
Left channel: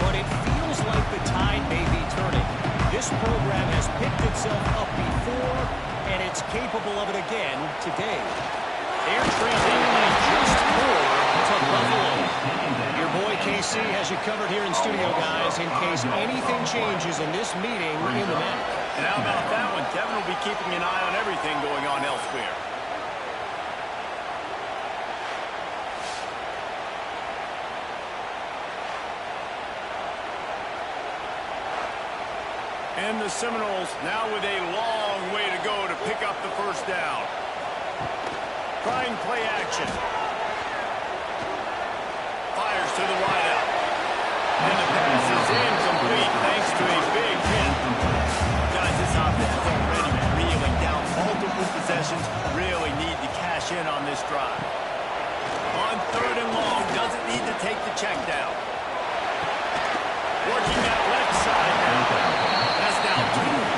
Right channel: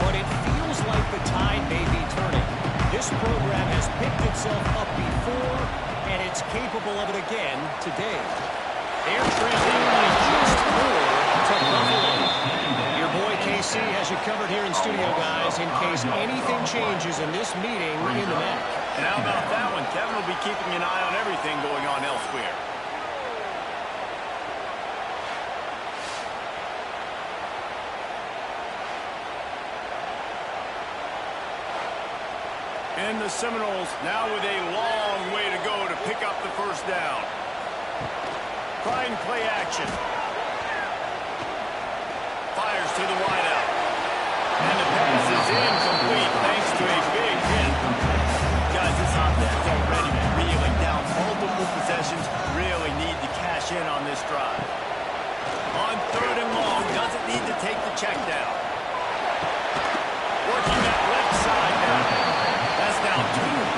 but it feels like the tide may be turning. This program has picked itself up before, and it's capable of it again today. They're trailing by just 4 to Buffalo. Your boy KC has you covered here in studio, guys, in case anything changes in this meeting in the MAC. And how about that one? Kevin will be keeping an eye on everything going on elsewhere. And the Seminoles now with a long way to go to pick up the first down. Trying play action. Fires to the wideout. And the pass is incomplete thanks to a big hit. Guys, this offense is already reeling down multiple possessions. Really need to cash in on this drive. On third and long, doesn't need to take the check down. Working that left side now. That's now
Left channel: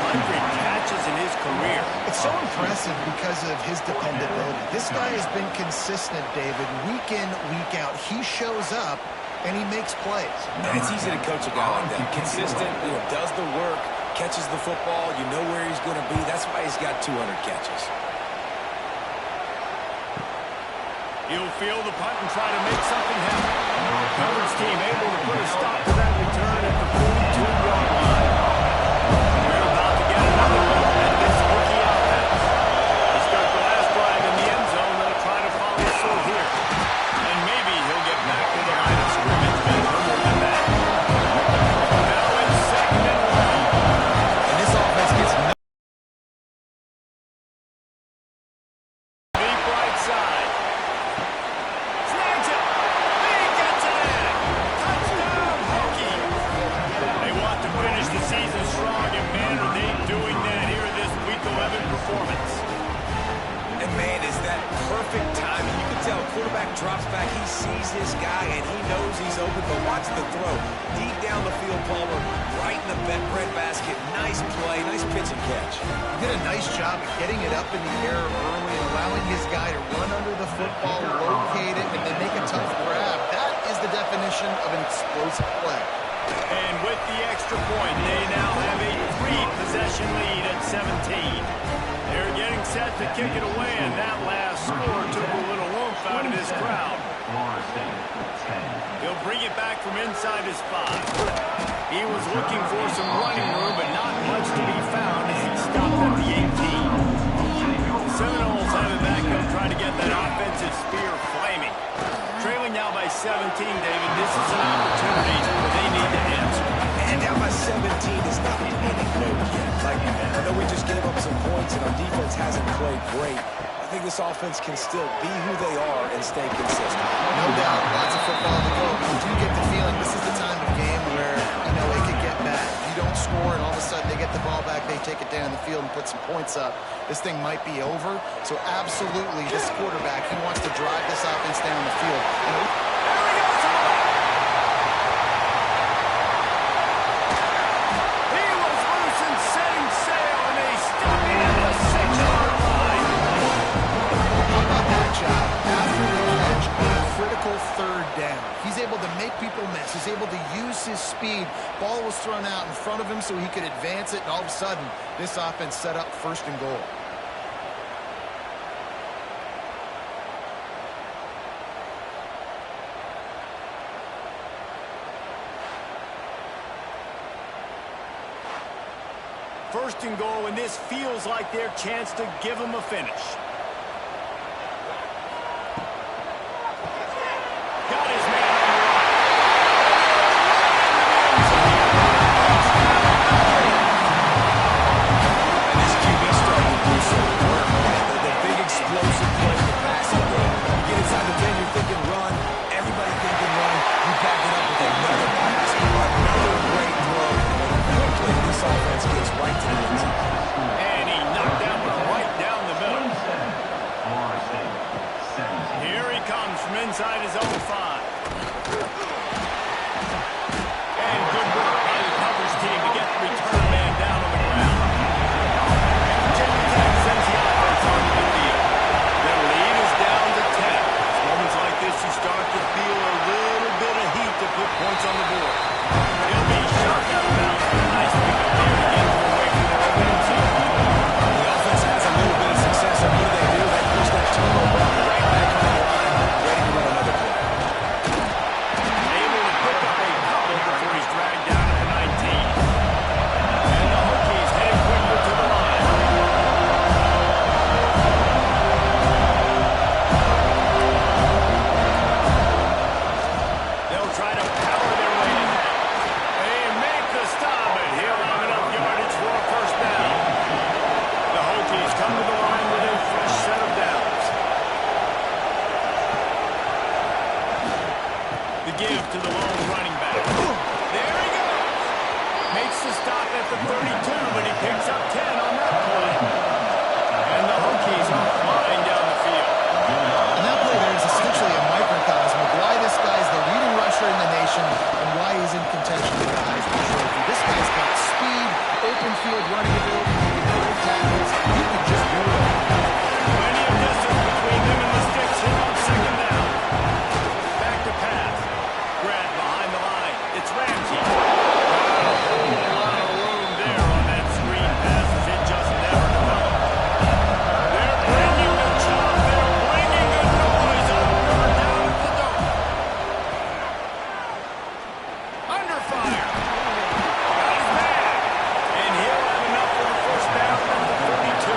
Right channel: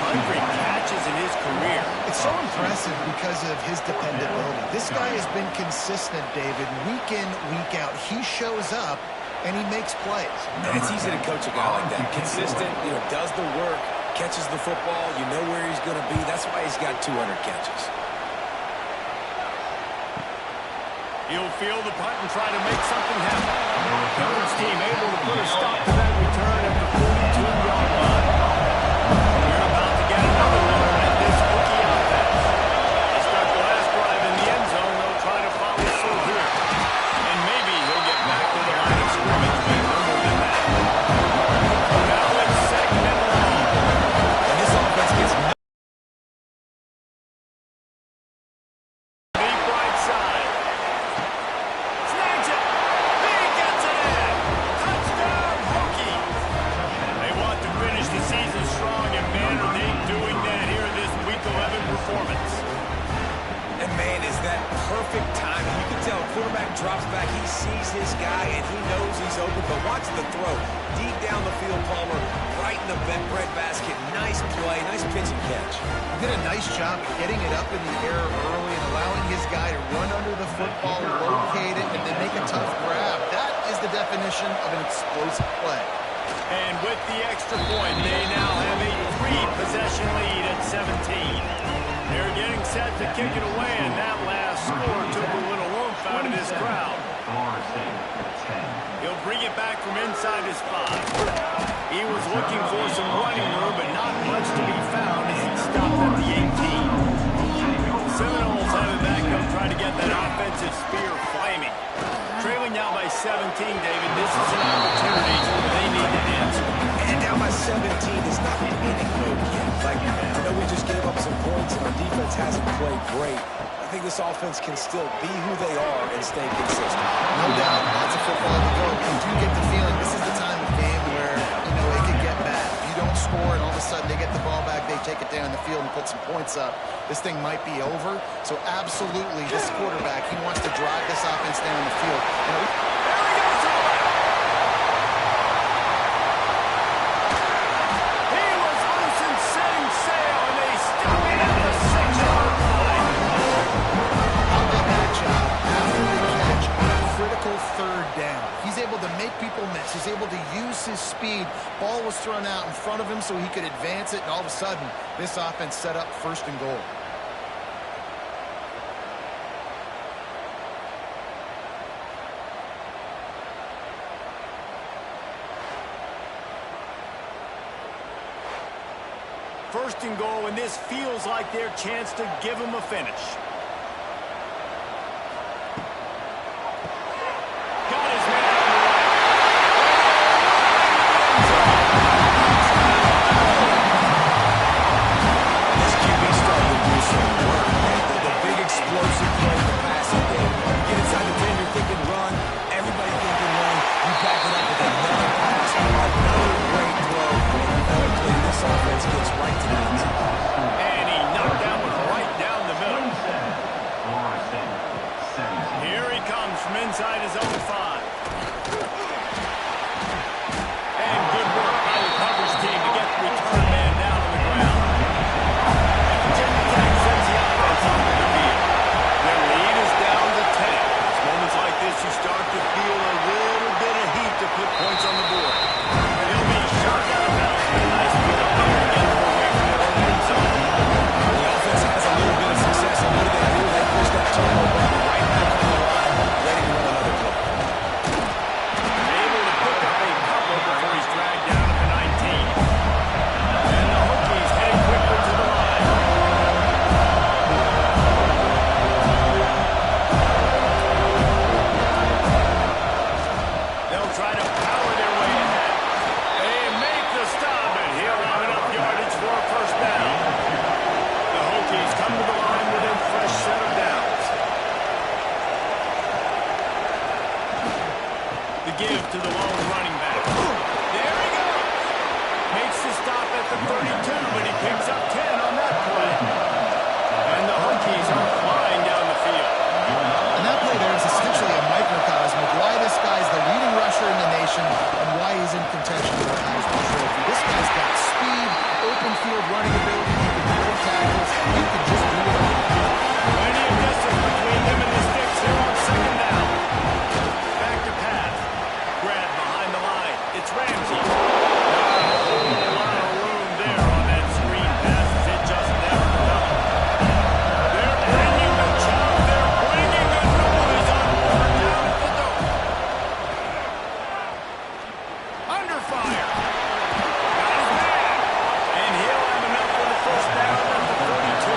200 catches in his career. It's so impressive because of his dependability. This guy has been consistent, David, week in, week out. He shows up, and he makes plays. And it's easy to coach a guy like that. Consistent, does the work, catches the football, you know where he's going to be. That's why he's got 200 catches. He'll field the punt and try to make something happen. Coverage team able to put a stop to that return at the 42-yard line. We're about to get another look at this Hokie offense. They start the last drive in the end zone. They'll try to follow through here. And maybe he'll get back to the line of scrimmage, but no more than that. So now it's second and long. And this offense gets Deep right side. Snags it. He gets it in. Touchdown, Hokies. They want to finish the season strong, and man, are they doing that here in this Week 11 performance. And, man, is that perfect timing. You can tell quarterback drops back. He sees his guy, and he knows he's open. But watch the throw. Deep down the field, Palmer, right in the bread basket. Nice play, nice pitch and catch. He did a nice job of getting it up in the air early and allowing his guy to run under the football, locate it, and then make a tough grab. That is the definition of an explosive play. And with the extra point, they now have a 3-possession lead at 17. They're getting set to kick it away, and that last score took a little oomph out of this crowd. He'll bring it back from inside his 5. He was looking for some running room, but not much to be found as he stopped at the 18. The Seminoles have it back up, trying to get that offensive spear flaming. Trailing now by 17, David. This is an opportunity that they need to answer. And down by 17, it's not panic mode yet. I know we just gave up some points, and our defense hasn't played great. I think this offense can still be who they are and stay consistent. No doubt, lots of football to go. But you do get the feeling this is the time of game where, it could get bad. If you don't score and all of a sudden they get the ball back, they take it down the field and put some points up, this thing might be over. So absolutely, this quarterback, he wants to drive this offense down the field. And There he goes to the left. He was loose and setting sail, and they stop him at the 6-yard line. how about that job after the catch on a critical third down? He's able to make people miss. He's able to use his speed. Ball was thrown out in front of him so he could advance it, and all of a sudden, this offense set up 1st and goal. First and goal, and this feels like their chance to give them a finish. Got his man on the right. And this QB started to do some work, man. The big explosive play in the passing game. You get inside the 10, you're thinking run. Everybody thinking run. You back it up with another pass, another great throw. And quickly, this offense gets right to the end zone. And he knocked that one right down the middle. Here he comes from inside his own 5. And good work by the coverage team to get the return man down on the ground. And Virginia Tech sends the offense onto the field. Their lead is down to 10. It's moments like this you start to feel a little bit of heat to put points on the board. He'll be shot out of bounds, but a nice pickup there to get them away from their own end zone. The offense has a little bit of success, and what do? They push that turnover button right back on the line, ready to run another play. Able to pick up a couple before he's dragged down at the 19. And the Hokies heading quickly to the line. They'll try to power their way ahead. They make the stop, and he'll have enough yardage for a 1st down. The Hokies come to the line with a fresh set of downs. The give to the lone running back. There he goes. Makes the stop at the 32, but he picks up 10 on that play. And the Hokies are flying down the field. And that play there is essentially a microcosm of why this guy's the leading rusher in the nation and why he's in contention for the Heisman Trophy. This guy's got speed, open field running ability, he can break tackles, he can just do it all. Plenty of distance between them and the sticks here on 2nd down. Back to pass. Grab behind the line. It's Ramsey. Not a whole lot of room there on that screen pass as it just never developed. They're bringing the chop. They're bringing the noise on 3rd down at the dome. Under fire. Got his man. And he'll have enough for the 1st down at the 32.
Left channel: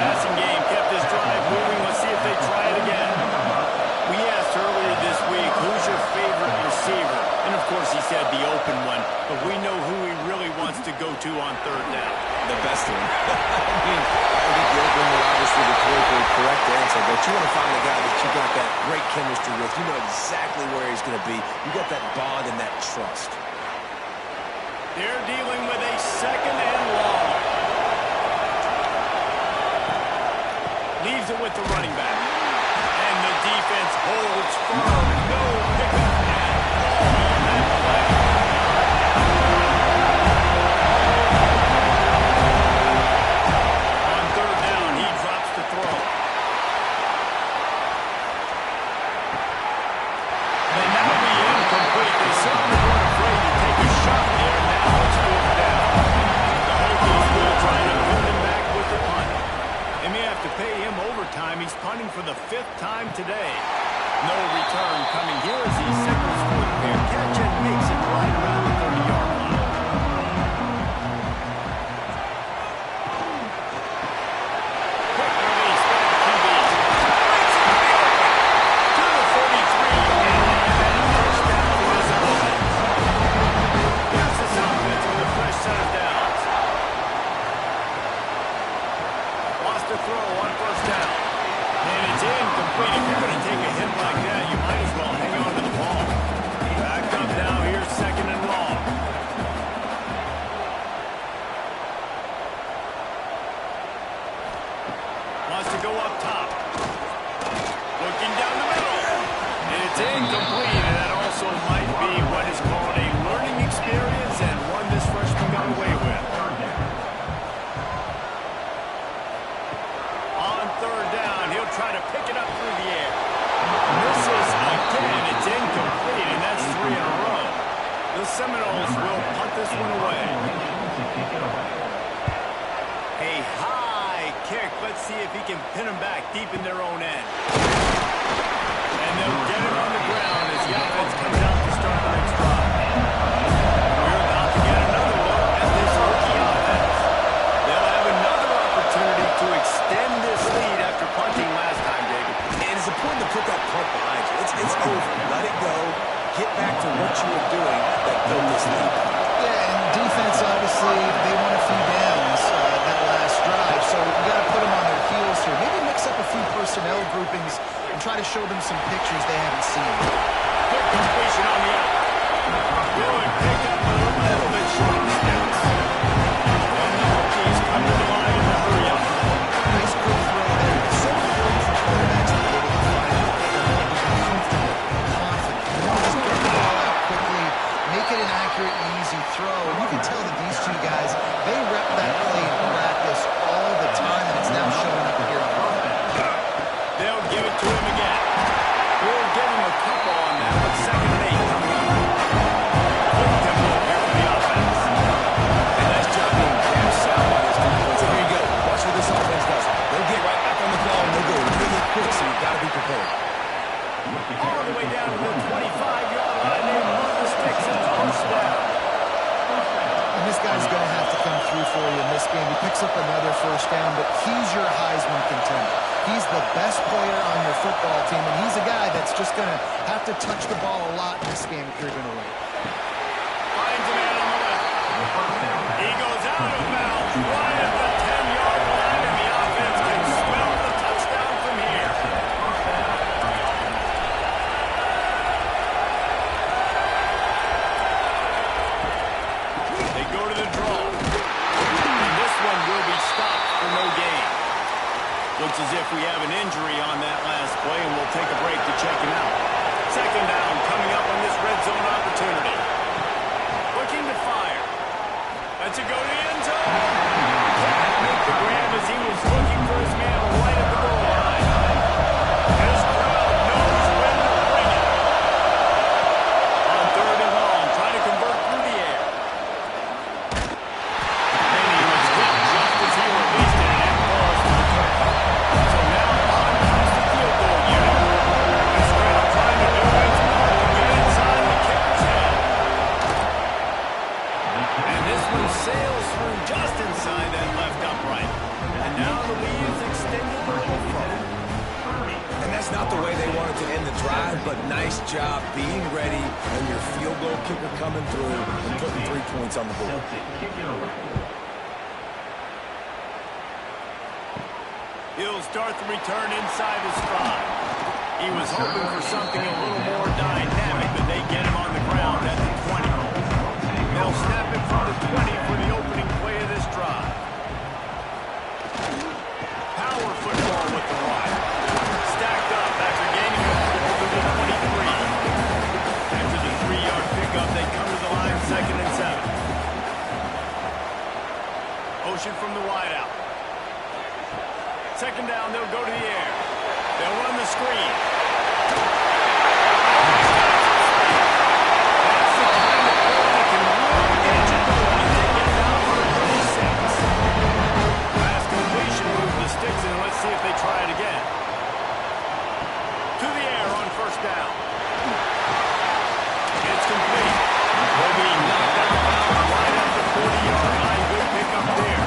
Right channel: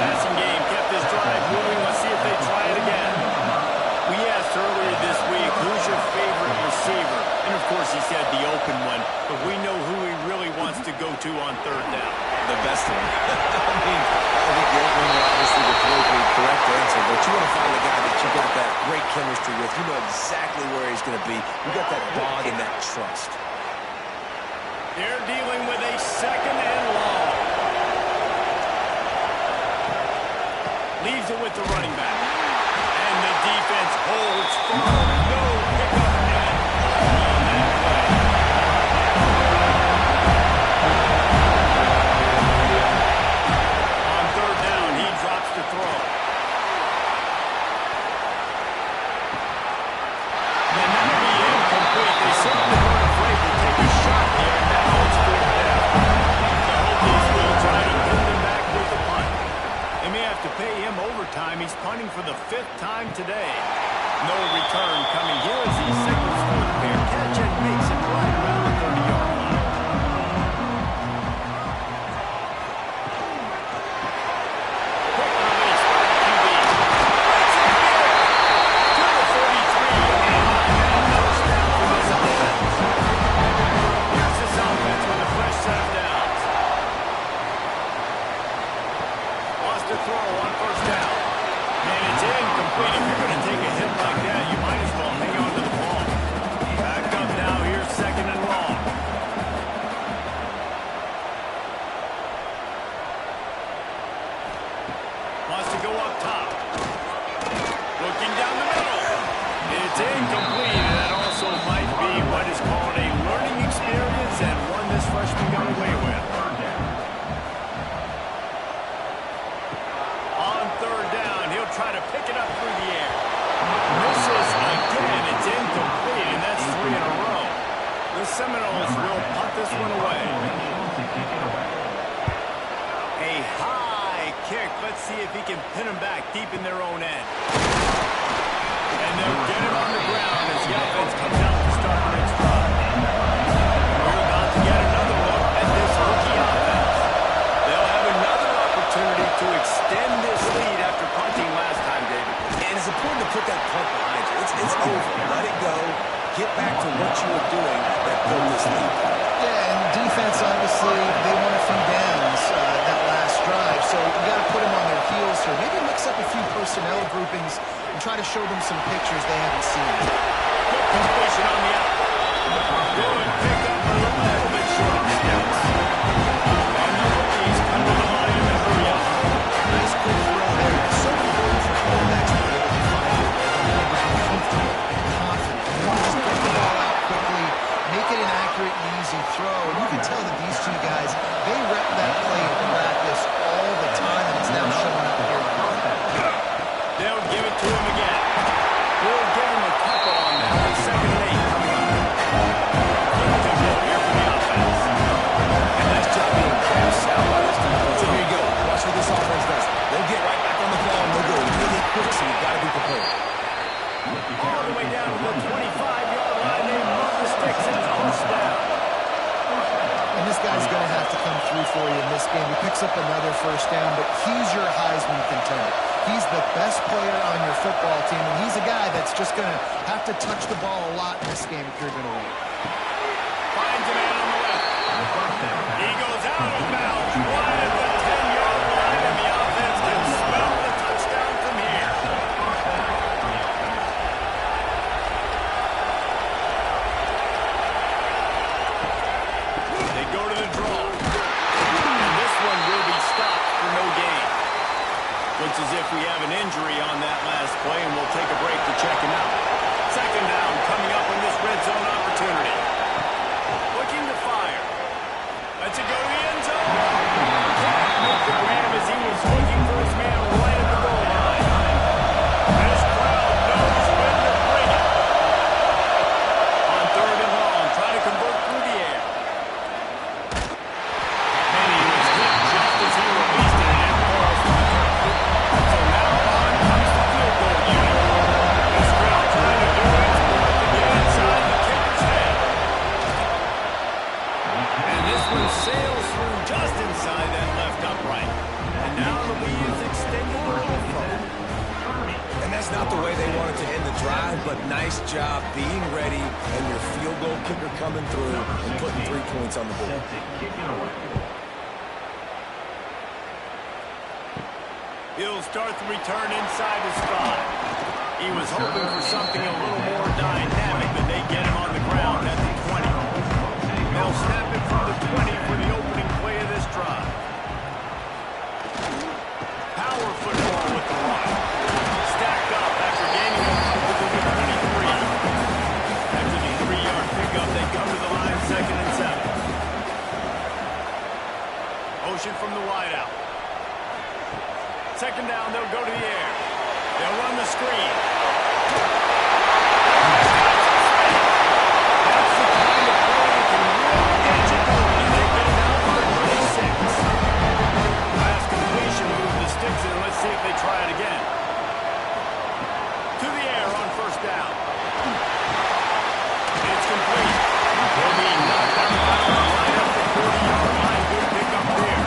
Passing game kept this drive moving. Let's see if they try it again. We asked earlier this week, who's your favorite receiver? And of course he said the open one, but we know who he really wants to go to on 3rd down. The best one. I think the open one, obviously the politically correct answer, but you want to find the guy that you got that great chemistry with. You know exactly where he's going to be. You got that bond and that trust. They're dealing with a 2nd and long. Leaves it with the running back. And the defense holds firm. No pickup at all on that play. On 3rd down, he drops to throw. And that'll be incomplete. They certainly weren't afraid to take a shot there. Now it's 4th down. The Hokies will try to pin them back with the punt. They may have to pay him overtime. He's punting for the 5th time today. No return coming here as he signals for the fair catch and makes it right around the 30-yard line. Quick release by the QB. Breaks into the open. To the 43-yard line and 1st down for this offense. Here's this offense with a fresh set of downs. Lost a throw on 1st down. And it's incomplete. If you're going to take a hit like that, you might as well hang on to the ball. Back up now here, 2nd and long. Wants to go up top. Looking down the middle. It's incomplete, and that also might be what is called a learning experience and one this freshman got away with. On third down, he'll try to pick it up through the air. Misses again. It's incomplete, and that's 3 in a row. The Seminoles will punt this one away. A high kick. Let's see if he can pin him back deep in their own end. And they'll get him on the ground as the offense comes out to start the next drive. We're about to get another look at this rookie offense. They'll have another opportunity to extend this lead after punting last time, David. And it's important to put that punt behind you. It's over. Let it go. Get back to what you were doing that built this lead. Yeah, and defense, obviously, they won a few downs that last drive, so you got to put them on their heels here. Maybe mix up a few personnel groupings and try to show them some pictures they haven't seen. Quick completion on the out. Good pick up a little bit short of the steps. And the rookies come to the line in the hurry up. Nice quick throw there. It's so important for quarterbacks to be able to find a rhythm and to be comfortable and confident. You want to just get the ball out quickly, make it an accurate, easy throw. And you can tell that these two guys, they rep that play in practice all the time, and it's now showing up here. They'll give it to him again. We'll give him a couple on that with 2nd and 8 coming up. Quick tempo here for the offense. And nice job being gapped sound by this defense. So here you go. Watch what this offense does. They'll get right back on the ball, and they'll go really quick, so you've got to be prepared. All the way down to the 25-yard line. They move the sticks and it's first down. And this guy's going to have to come through for you in this game. He picks up another first down, but he's your Heisman contender. He's the best player on your football team, and he's a guy that's just going to have to touch the ball a lot in this game if you're going to win. Finds a man on the left. He goes out of bounds right at the 10-yard line, and the offense can smell the touchdown from here. They go to the draw. And this one will be stopped for no gain. Looks as if we have an injury on that last play, and we'll take a break to check him out. 2nd down coming up on this red zone opportunity. Looking to fire. Lets it go to the end zone. Can't make the grab as he was looking for his man right at the goal line. This crowd knows when to bring it. On 3rd and long, trying to convert through the air. And he was hit just as he released it, and it falls to the turf. So now on comes the field goal unit. This crowd trying to do its part to get inside the kicker's head. And this one sails through just inside that left upright. And now the lead is extended a little further. And that's not the way they wanted to end the drive, but nice job being ready and your field goal kicker coming through and putting 3 points on the board. He'll start the return inside his 5. He was hoping for something a little more dynamic, but they get him on the ground at the 20. They'll snap it from the 20 for the opening play of this drive. Power football with the run. Stacked up after gaining a foothold to the 23. After the 3-yard pickup, they come to the line 2nd and 7. Motion from the wideout. 2nd down, they'll go to the air. They'll run the screen. That's the kind of play that can really get you going as they get down to the 36. Last completion moved the sticks in. Let's see if they try it again. To the air on 1st down. It's complete. Will be knocked out of bounds right at the 40-yard line. Good pickup there.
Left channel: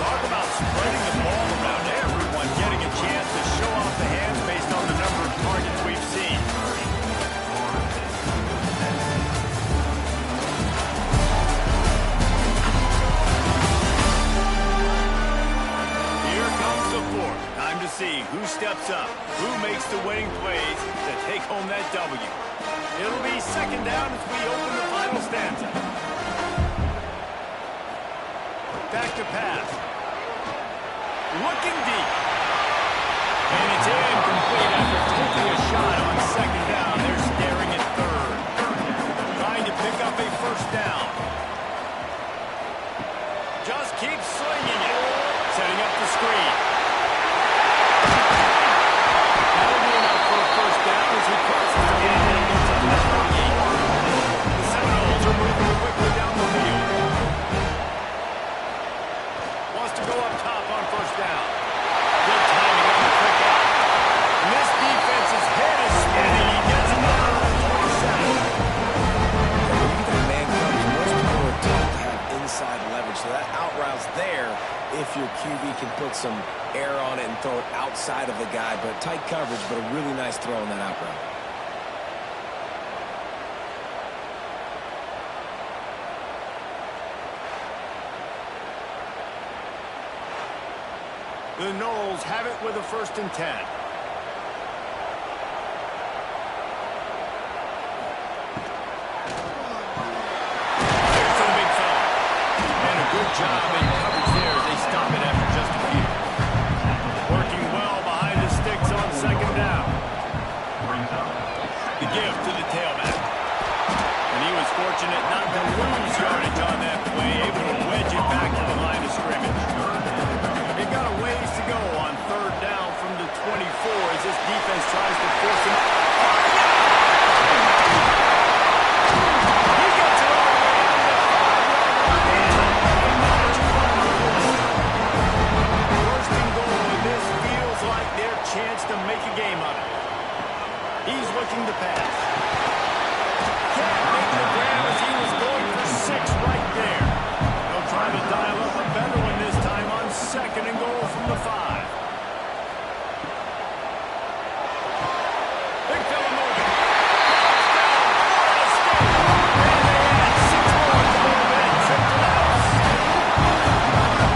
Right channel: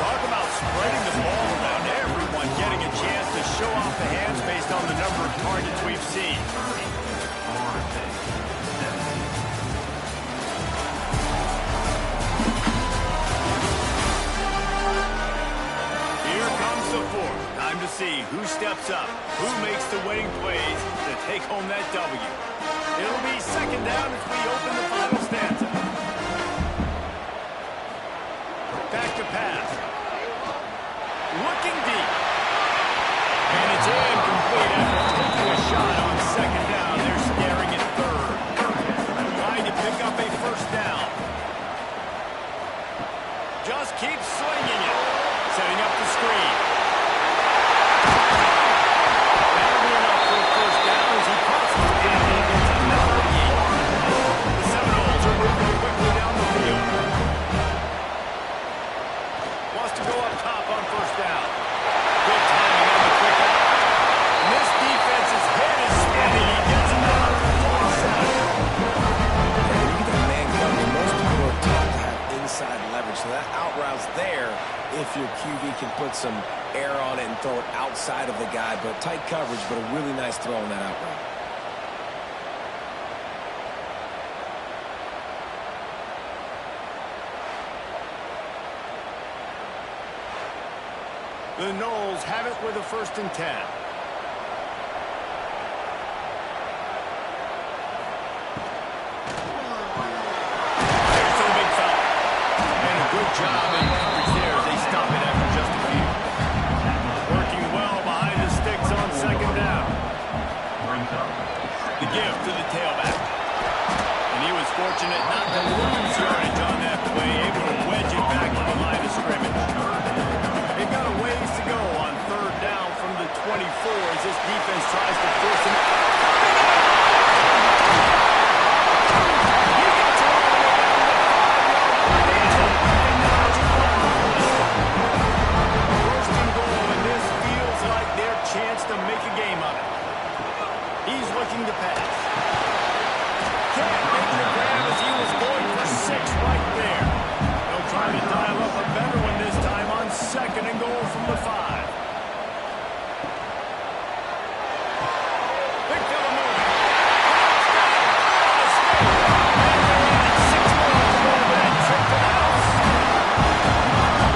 Talk about spreading the ball around, everyone getting a chance to show off the hands based on the number of targets we've seen. Here comes the 4th. Time to see who steps up, who makes the winning plays to take home that W. It'll be 2nd down as we open the final stanza. to pass. Looking deep. And it's incomplete after taking a shot on second down. They're staring at third. Trying to pick up a first down. Just keeps slinging it. Setting up the screen. That'll be enough for a first down as he crosses the field and gets up to the 38. The Seminoles are moving quickly down the field. Wants to go up top on first down. Good timing on the quick out. And this defense's head is spinning. He gets it down to the 27. When you get that man coverage, most people are taught to have inside leverage. So that out route's there if your QB can put some air on it and throw it outside of the guy. But tight coverage, but a really nice throw on that out route. The Noles have it with a 1st and 10. There's the big foul. And a good job in coverage there as they stop it after just a few. Working well behind the sticks on second down. The give to the tailback. And he was fortunate not to lose yardage on that play, able to wedge it back to the line of scrimmage. They got a ways to go on third down from the 24 as this defense tries to force him. He gets it all the way down to the 5-yard line. First and goal, and this feels like their chance to make a game of it. He's looking to pass. Can't make the grab as he was going for 6 right there. They'll try to dial up a better one this time on 2nd and goal from the 5. Big fella moving. Touchdown, Florida State. And they add 6 more to go to that trip to the house.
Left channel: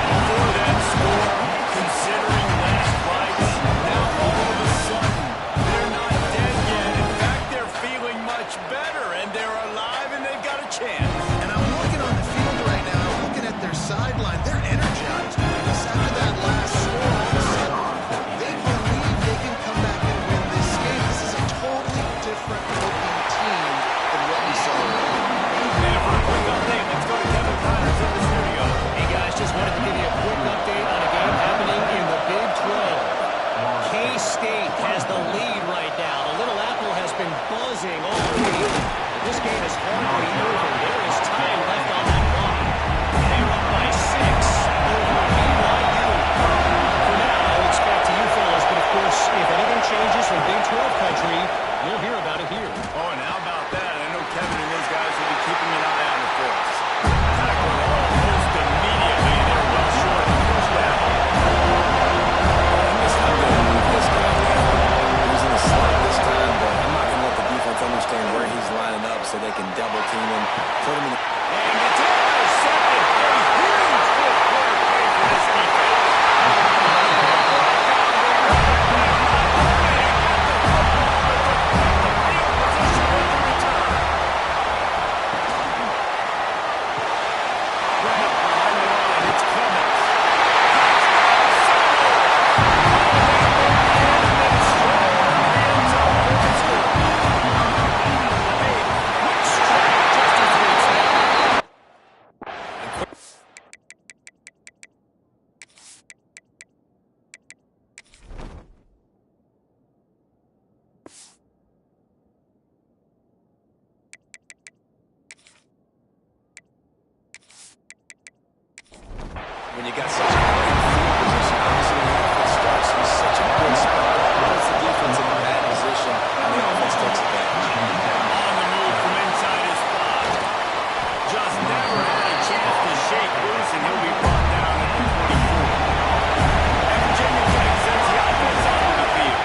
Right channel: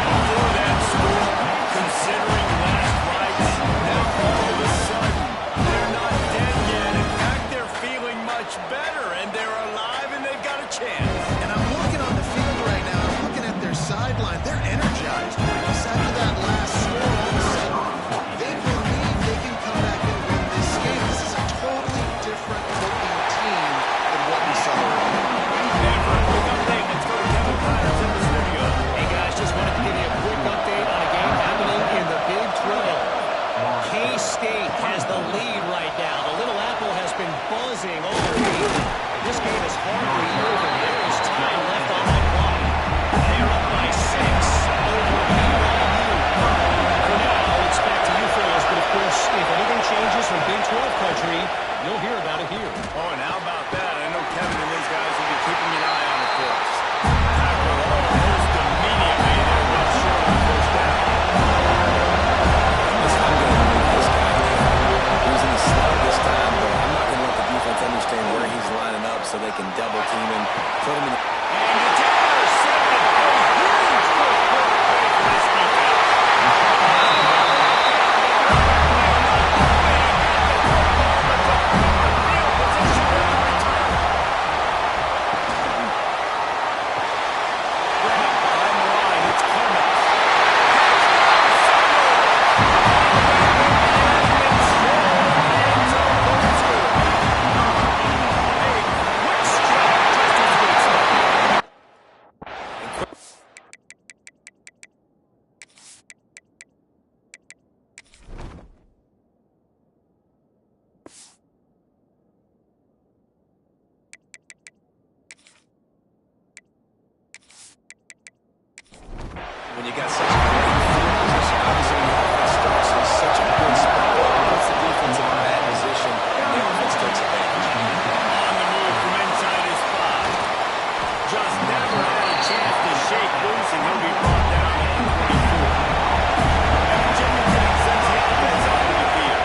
Before that score, considering last rights, now all of a sudden, they're not dead yet. In fact, they're feeling much better, and they're alive, and they've got a chance. And I'm looking on the field right now. I'm looking at their sideline. They're energized, Reese. After that last score, all of a sudden, they believe they can come back and win this game. This is a totally different looking team than what we saw earlier. And for a quick update, let's go to Kevin Connors in the studio. Hey, guys, just wanted to give you a quick update on a game happening in the Big 12. K-State has the lead right now. The Little Apple has been buzzing all week. But this game is hardly over. There is time left on that clock. They're up by 6 over BYU. For now, it's back to you fellas. But, of course, if anything changes from Big 12 country, you'll hear about it here. Oh, and how about that? I know Kevin and his guys will be keeping an eye on it for us. Tackle almost immediately. They're well short of the first down. I'm going to move this guy down. He was in the slot this time, but I'm not going to let the defense understand where he's lining up so they can double team him, put him in the... And it's intercepted. A huge fourth-quarter play for this defense. When you got such a great field position, obviously when the offense starts in such a good spot, it puts the defense in a bad position, and the offense takes advantage. On the move from inside his spot. Just never had a chance to shake loose, and he'll be brought down at the 24. And Virginia Tech sends the offense onto the field.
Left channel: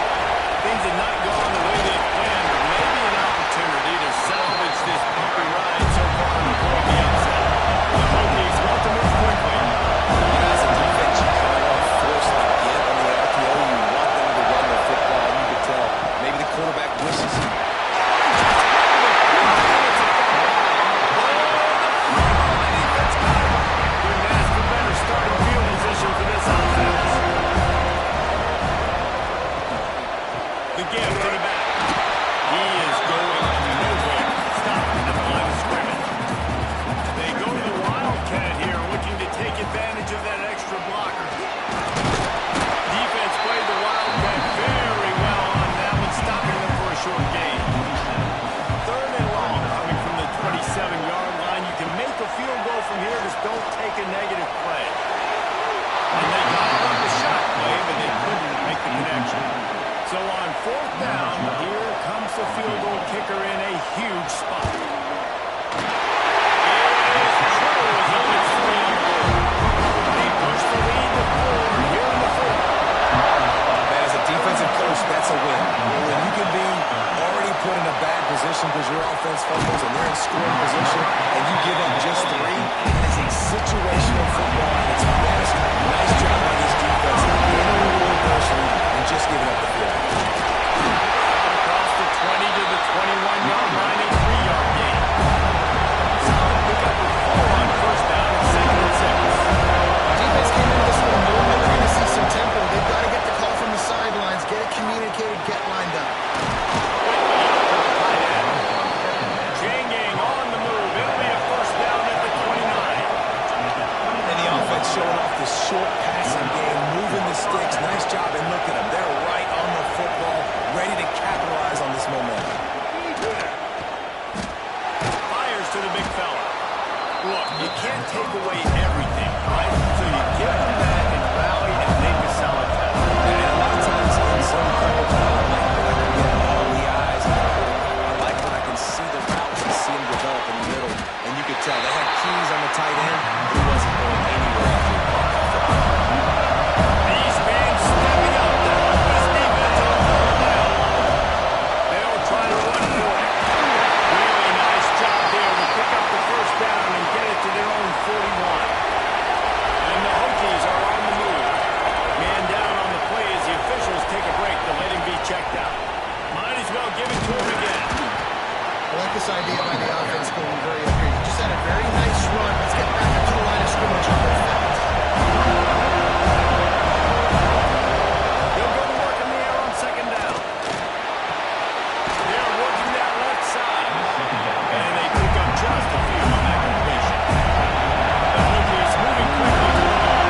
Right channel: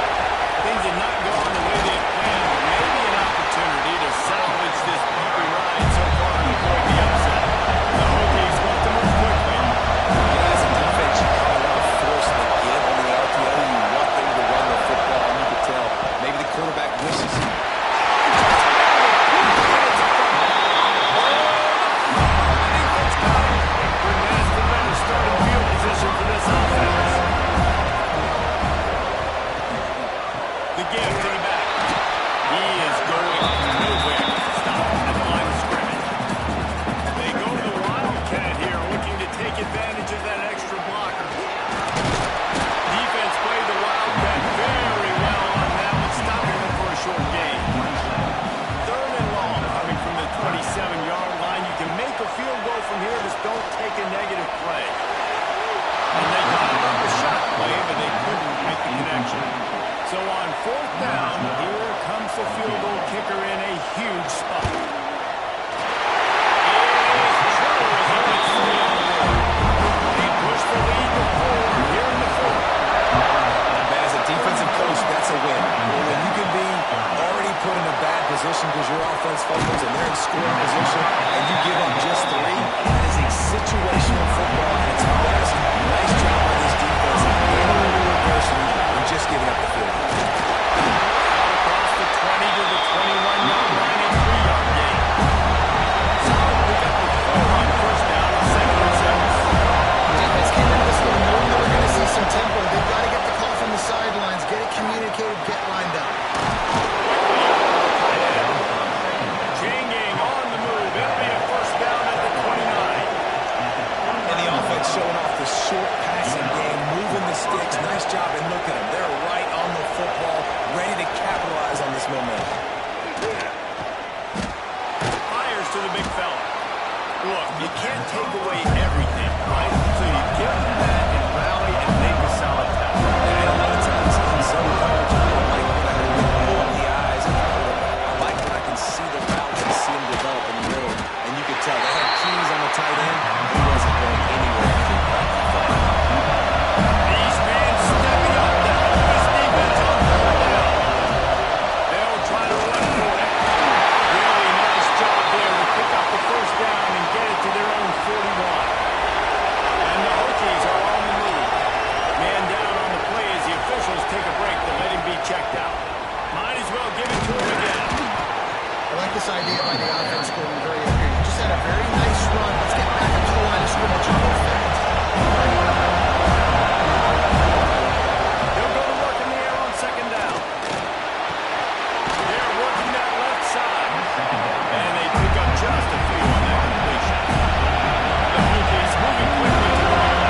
Things had not gone the way they had planned, but maybe an opportunity to salvage this bumpy ride so far and avoid the upset. The Hokies want to move quickly. You know, as a defense, you kind of want to force the give on the RPO. You want them to run the football, and you can tell maybe the quarterback wishes he... Couldn't ask for better 27-yard line. You can make a field goal from here, just don't take a negative play. And they dialed up a shot play, but they couldn't make the connection. So on 4th down, here comes the field goal kicker in a huge spot. It is true as he puts 3 on the board. They push the lead to 4 here in the 4th. Man, as a defensive coach, that's a win. When you can be already put in a bad position because your offense fumbles and they're in scoring position and you give up just 3, that is a situational football at its best. Nice job by this defense handling the adversity and just giving up the field. Out across the 20 to the 21-yard line, a 3-yard gain. Solid pickup with 4 on 1st down and 2nd and 6. Defense came into this one knowing they were going to see some tempo. They've got to get the call from the sidelines, get it communicated, get lined up. Quickly out to the tight end. Changing on the move. It'll be a 1st down at the 29. And the offense showing off the short passing game, moving the sticks. Nice job, and look at them. They're right on the football, ready to capitalize on this momentum. Fires to the big fella. Look, you can't take away everything, right? So you give them that and rally and make a solid tackle. And a lot of times in some coverage, I like when I can get all the eyes on the quarterback. I like when I can see the routes and see them develop in the middle. And you could tell they had keys on the tight end. He wasn't going anywhere after he caught that football. These fans stepping up to help this defense on 3rd down. They'll try to run for it. Really nice job there to pick up the 1st down and get it to their own 41. And the Hokies are on the move. Man down on the play as the officials take a break to let him be checked out. Might as well give it to him again. I like this idea by the offense going very up here. You just had a very nice run. Let's get back up to the line of scrimmage and go fast. He'll go to work in the air on 2nd down. They're working that left side. And they pick up just a few on that completion. The Hokies moving quickly to the line.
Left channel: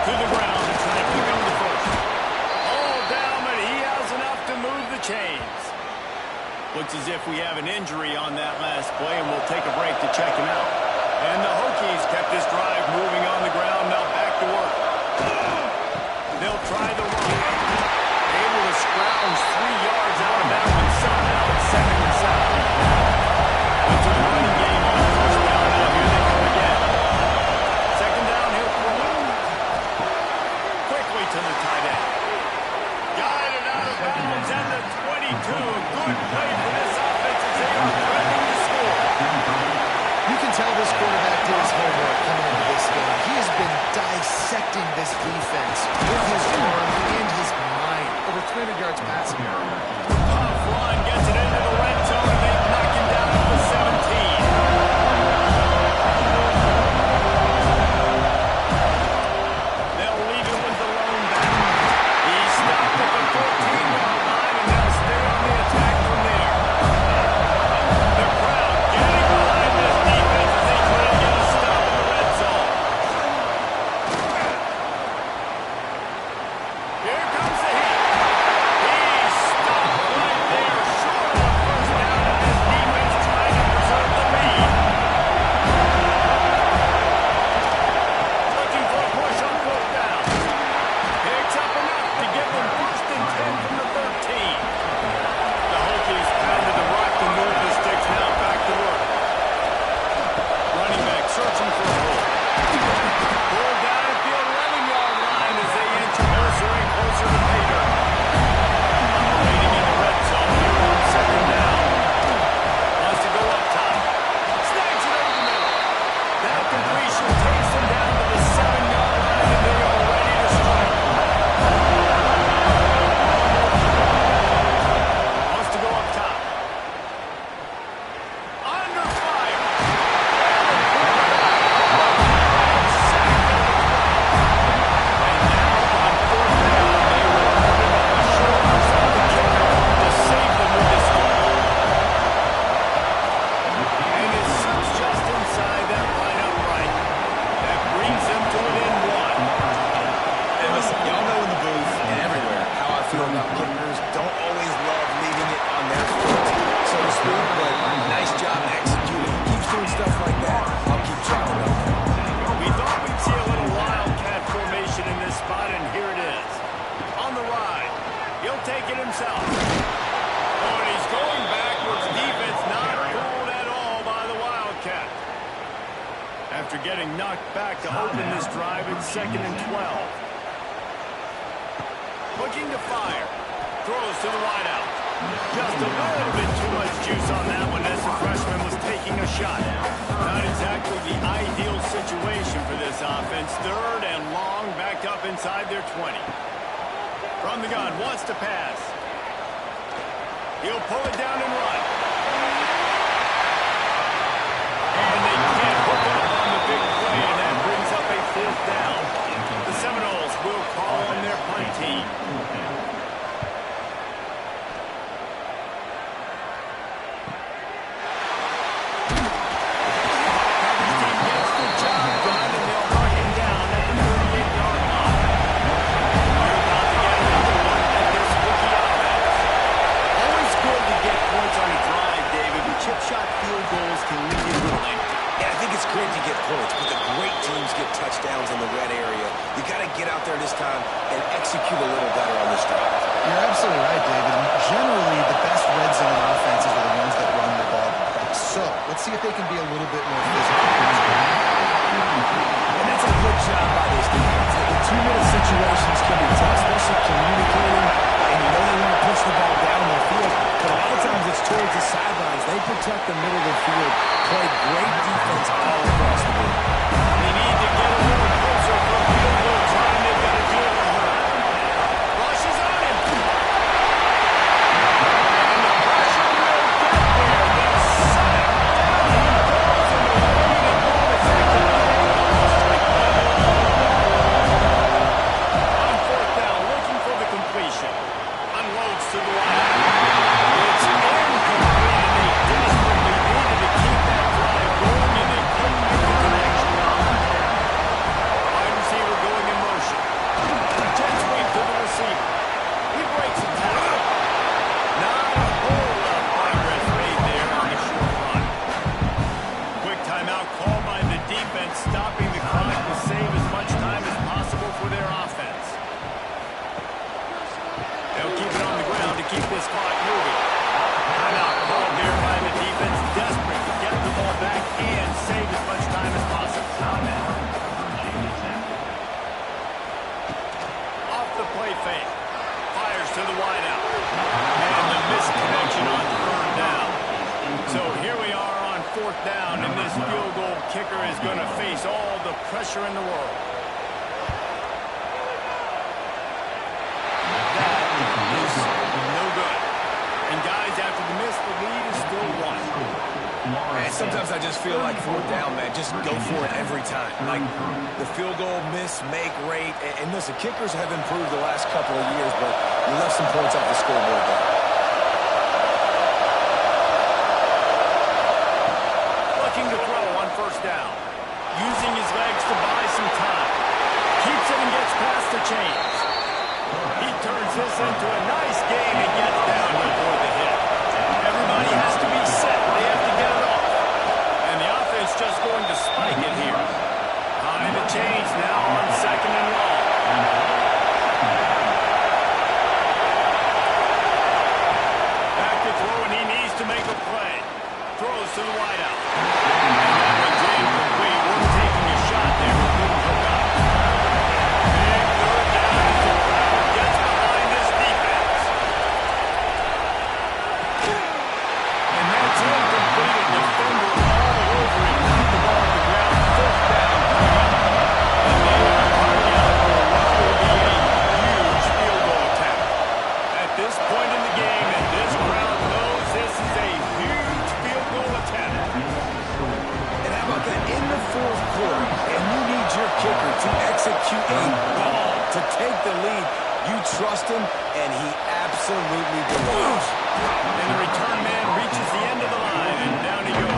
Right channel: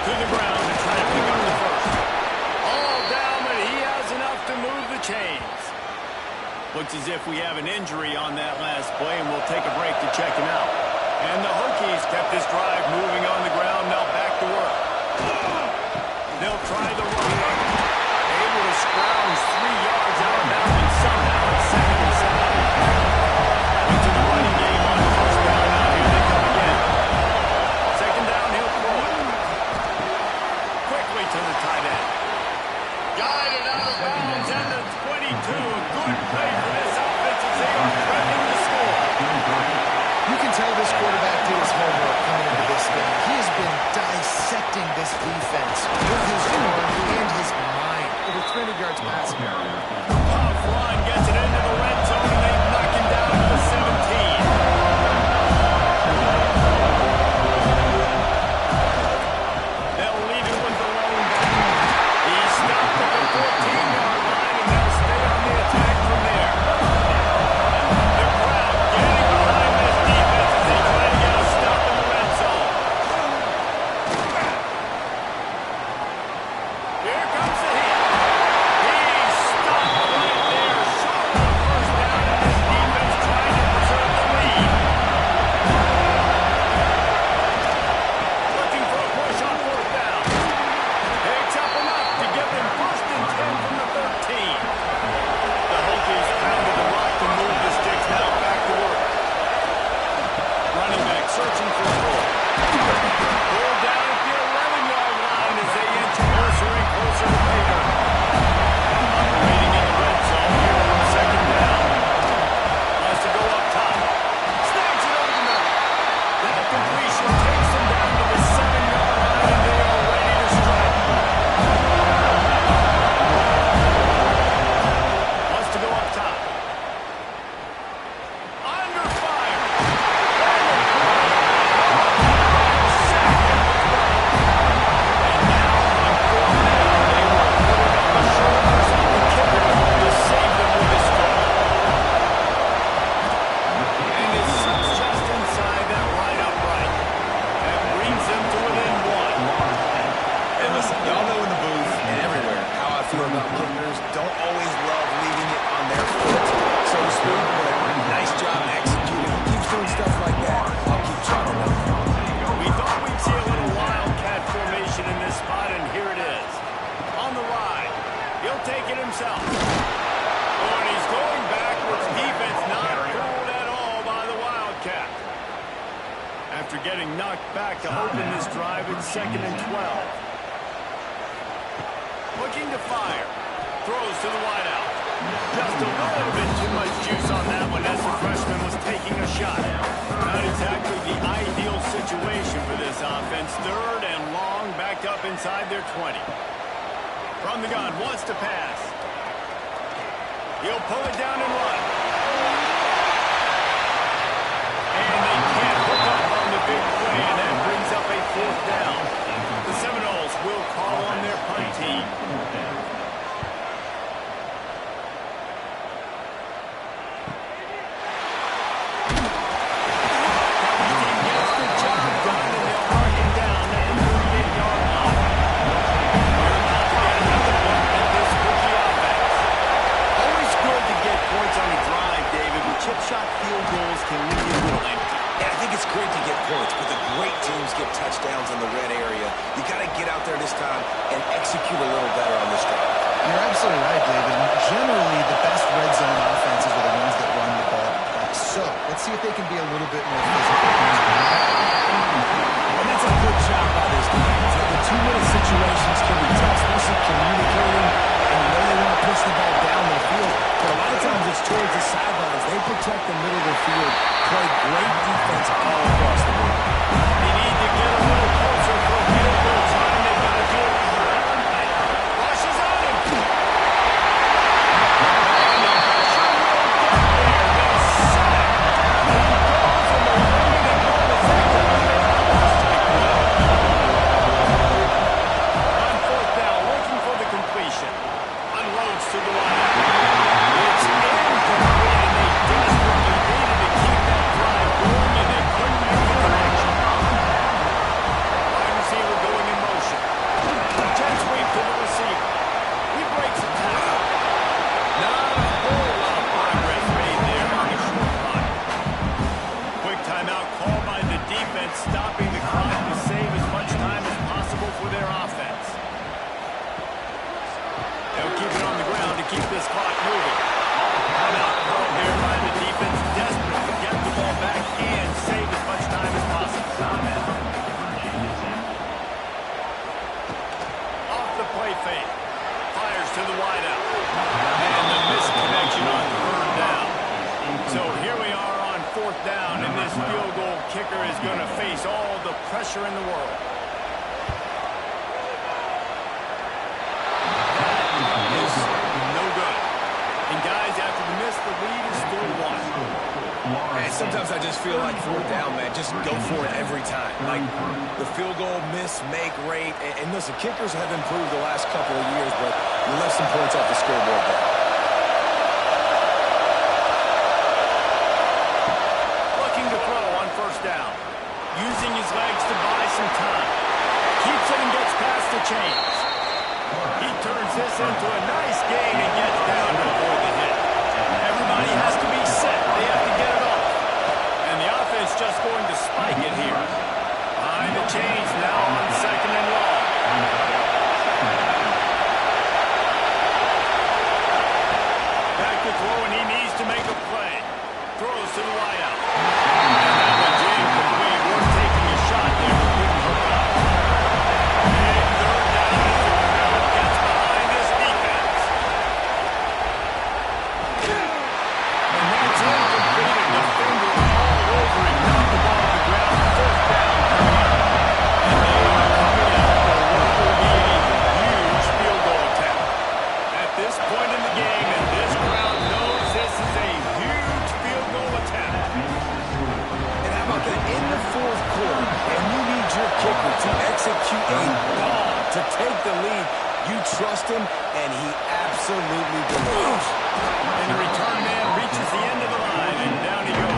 To the ground and try to pick up the 1st. All down, but he has enough to move the chains. Looks as if we have an injury on that last play, and we'll take a break to check him out. And the Hokies kept this drive moving on the ground, now back to work. They'll try the run. Able to scrounge 3 yards out of that one somehow at 2nd and 7. Went to the running game on 1st down. Now here they come again. 2nd down, he'll throw it. Quickly to the tight end. Guided out of bounds at the 22. A good play for this offense as they are threatening to score. You can tell this quarterback did his homework coming into this game. He has been dissecting this defense with his arm and his mind. Over 300 yards passing. Tough run gets it into the red zone, and they knock him down at the 17. They'll leave it with the lone back. He stopped at the 14-yard line, and they'll stay on the attack from there. The crowd getting behind this defense as they try to get a stop in the red zone. Here comes the heat. He's stopped right there, short of the 1st down, and this defense trying to preserve the lead. Looking for a push on 4th down. Picks up enough to give them 1st and 10 from feel about kickers. Don't always love leaving it on their foot, so to speak, but nice job executing. He keeps doing stuff like that. I'll keep trotting up. We thought we'd see a little wildcat formation in this spot, and here it is. On the ride. He'll take it himself. Oh, and he's going backwards. Defense not fooled at all by the wildcat. After getting knocked back to open this drive, it's 2nd and 12. Looking to fire. Throws to the wideout. Just a little bit too much juice on that one as the freshman was taking a shot. Not exactly the ideal situation for this offense. 3rd and long, backed up inside their 20. From the gun, wants to pass. He'll pull it down and run. And they can't hook up on the big play, and that brings up a 4th down. The Seminoles will call on their punt team. Coverage team gets the job done, and they'll mark him down at the 38-yard line. They're about to get another one at this rookie offense. Always good to get points on a drive, David, but chip shot field goals can leave you a little empty. Yeah, I think it's great to get points, but the great teams get touchdowns in the red area. You got to get out there this time and execute a little better on this drive. You're absolutely right, David. Generally, the best red zone offenses are the ones that run the ball best. So let's see if they can be a little bit more physical. And that's a good job by this defense. The 2-minute situations can be tough, especially communicating, and you know they want to push the ball down the field, but a lot of times it's towards the sidelines. They protect the middle of the field, play great defense all across the board. They need to get a little closer for a field goal time. They've got to do it in a hurry. Rush is on him. And the pressure will get there. They'll set it down. He goes in the wing and goal is actually on 4th down, looking for the completion. Unloads to the wide. It's incomplete, and they desperately needed to keep that drive going, and they couldn't make the connection. Wide receiver going in motion. Jet sweep to the receiver. He breaks a tackle. Not a whole lot of progress made there on the short run. Quick timeout called by the defense, stopping the clock to save as much time as possible for their offense. They'll keep it on the ground to keep this clock moving. Timeout called there by the defense, desperate to get the ball back and save as much time as possible. Off the play fake. Fires to the wideout. And the missed connection on 3rd down. So here we are on 4th down, and this field goal kicker is going to face all the pressure in the world. Is no good. And guys, after the miss, the lead is still 1. And sometimes I just feel like 4th down, man, just go for it every time. Like the field goal miss, make rate. And listen, kickers have improved the last couple of years, but we left some points off the scoreboard there. Looking to throw on 1st down. Using his legs to buy some time. Keeps it and gets past the chains. He turns this into a nice game and gets down to avoid the hit. Everybody has to be set. They have to get it off. And the offense just going to spike it here. Behind the chains now on 2nd and long. Back to throw, and he needs to make a play. Throws to the wideout. And that one's incomplete. We're taking a shot there, but couldn't hook up. Big 3rd down as the crowd gets behind this defense. And that's incomplete. A defender all over him. Knocked the ball to the ground. 4th down coming up. And they are coming out for what will be a huge field goal attempt. At this point in the game, and this crowd knows this is a huge field goal attempt. And how about that? In the 4th quarter, and you need your kicker to execute a ball to take the lead. You trust him, and he absolutely delivers. And the return man reaches the end of the line, and down he goes.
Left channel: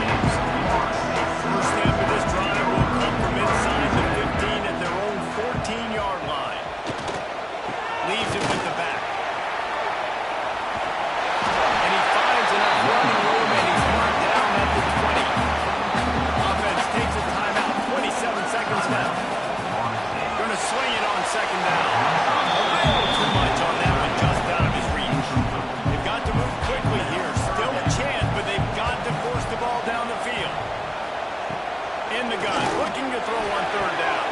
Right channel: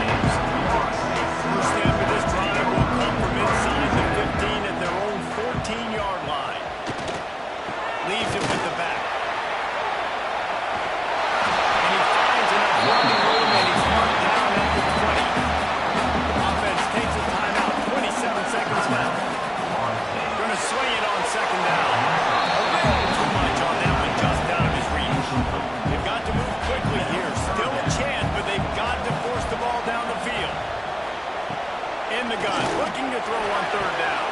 First snap of this drive will come from inside the 15 at their own 14-yard line. Leaves it with the back. throw on third down.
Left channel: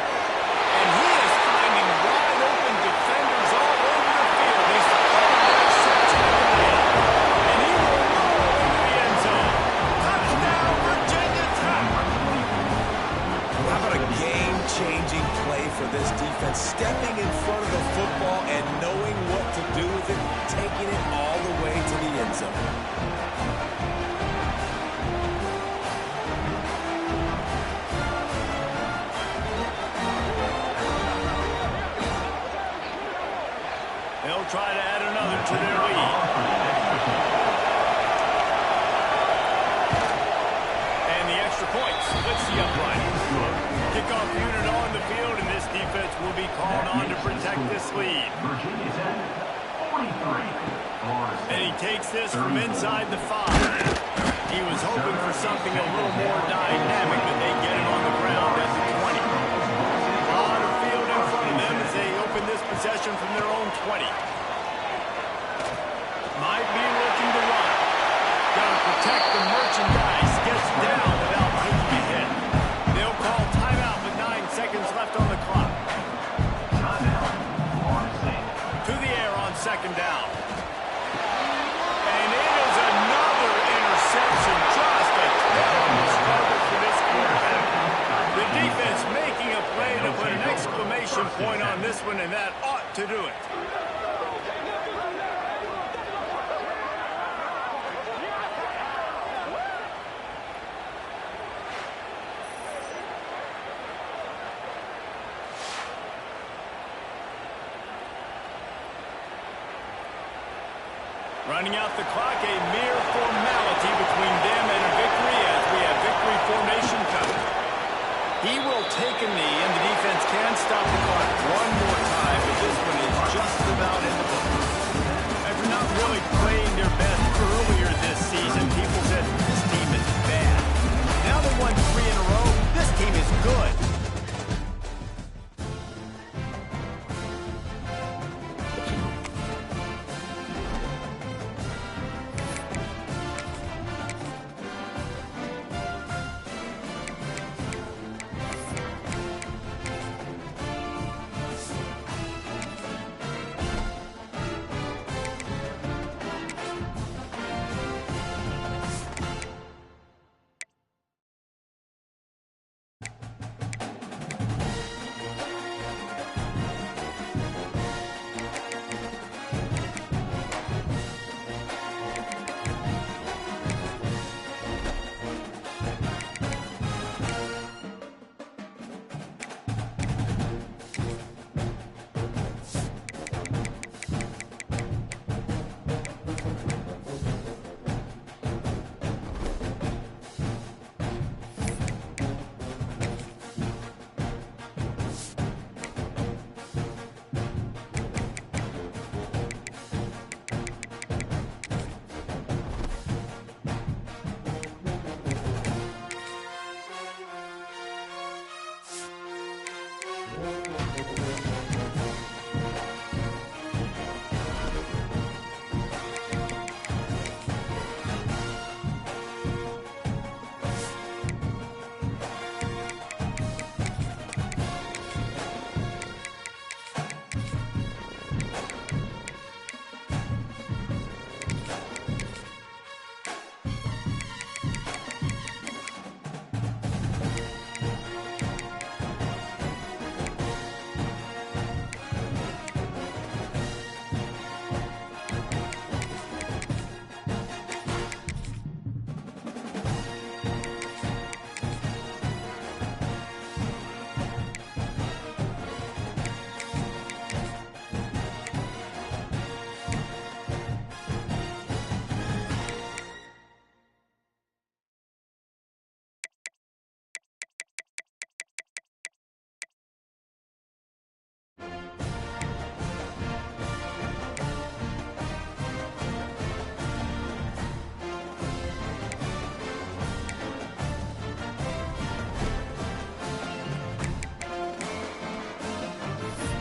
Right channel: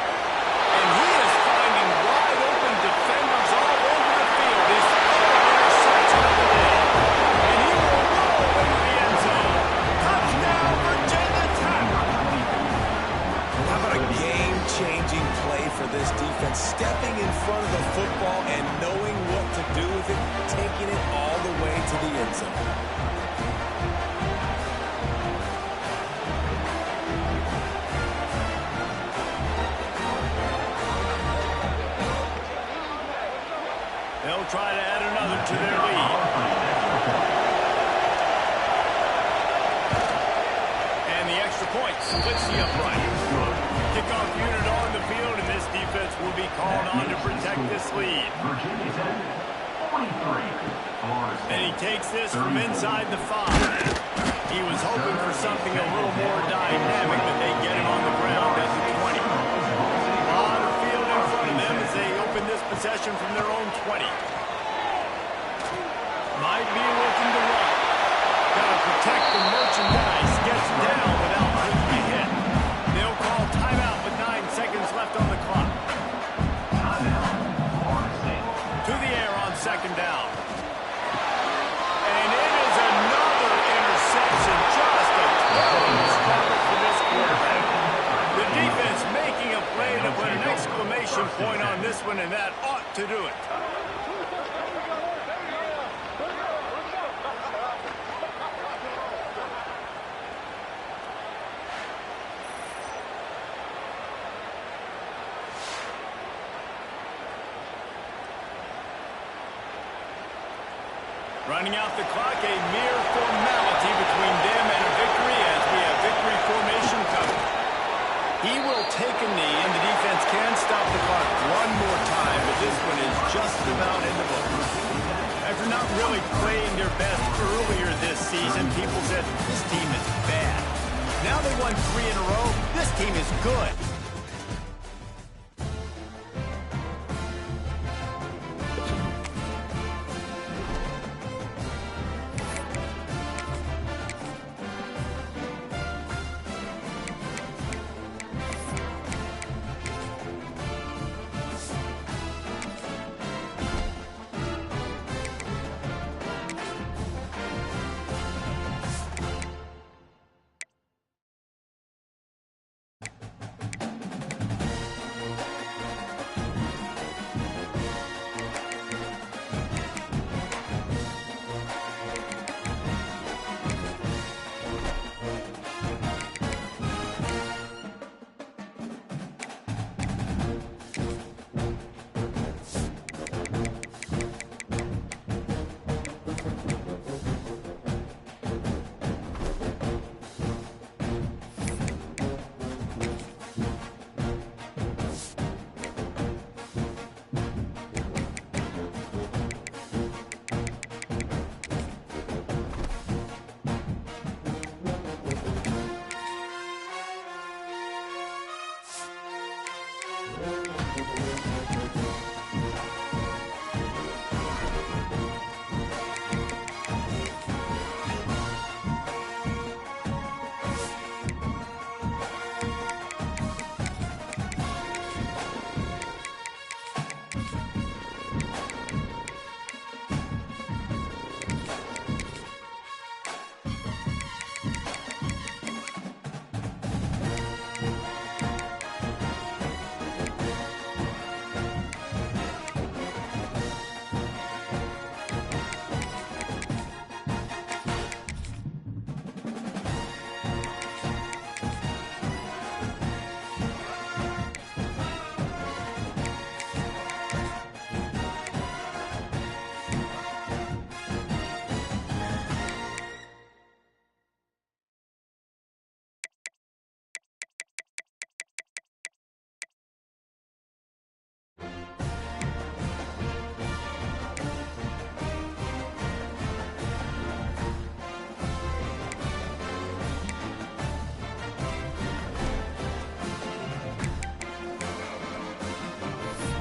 And he is finding wide open defenders all over the field. He's throwing interception of the day. And he will roll into the end zone. Touchdown, Virginia Tech. How about a game-changing play for this defense? Stepping in front of the football and knowing what to do with it, taking it all the way to the end zone. They'll try to add another to their lead. And the extra point splits the upright. Kickoff unit on the field, and this defense will be called on to protect this lead. Virginia Tech, 43. And he takes this from inside the 5. He was hoping for something a little more dynamic, but they get him on the ground at the 20. A lot of field in front of them as they open this possession from their own 20. Might be looking to run. Got to protect the merchandise. Gets down without taking a hit. They'll call timeout with 9 seconds left on the clock. To the air on second down. And it is another interception. Just a terrible struggle for this quarterback. The defense making a play to put an exclamation point on this one, and that ought to do it. Running out the clock, a mere formality between them and a victory as we have victory formation coming. He will take a knee, and the defense can stop the clock one more time, but this one is just about in the books. After not really playing their best earlier this season, people said, this team is bad. Now they won 3 in a row. This team is good.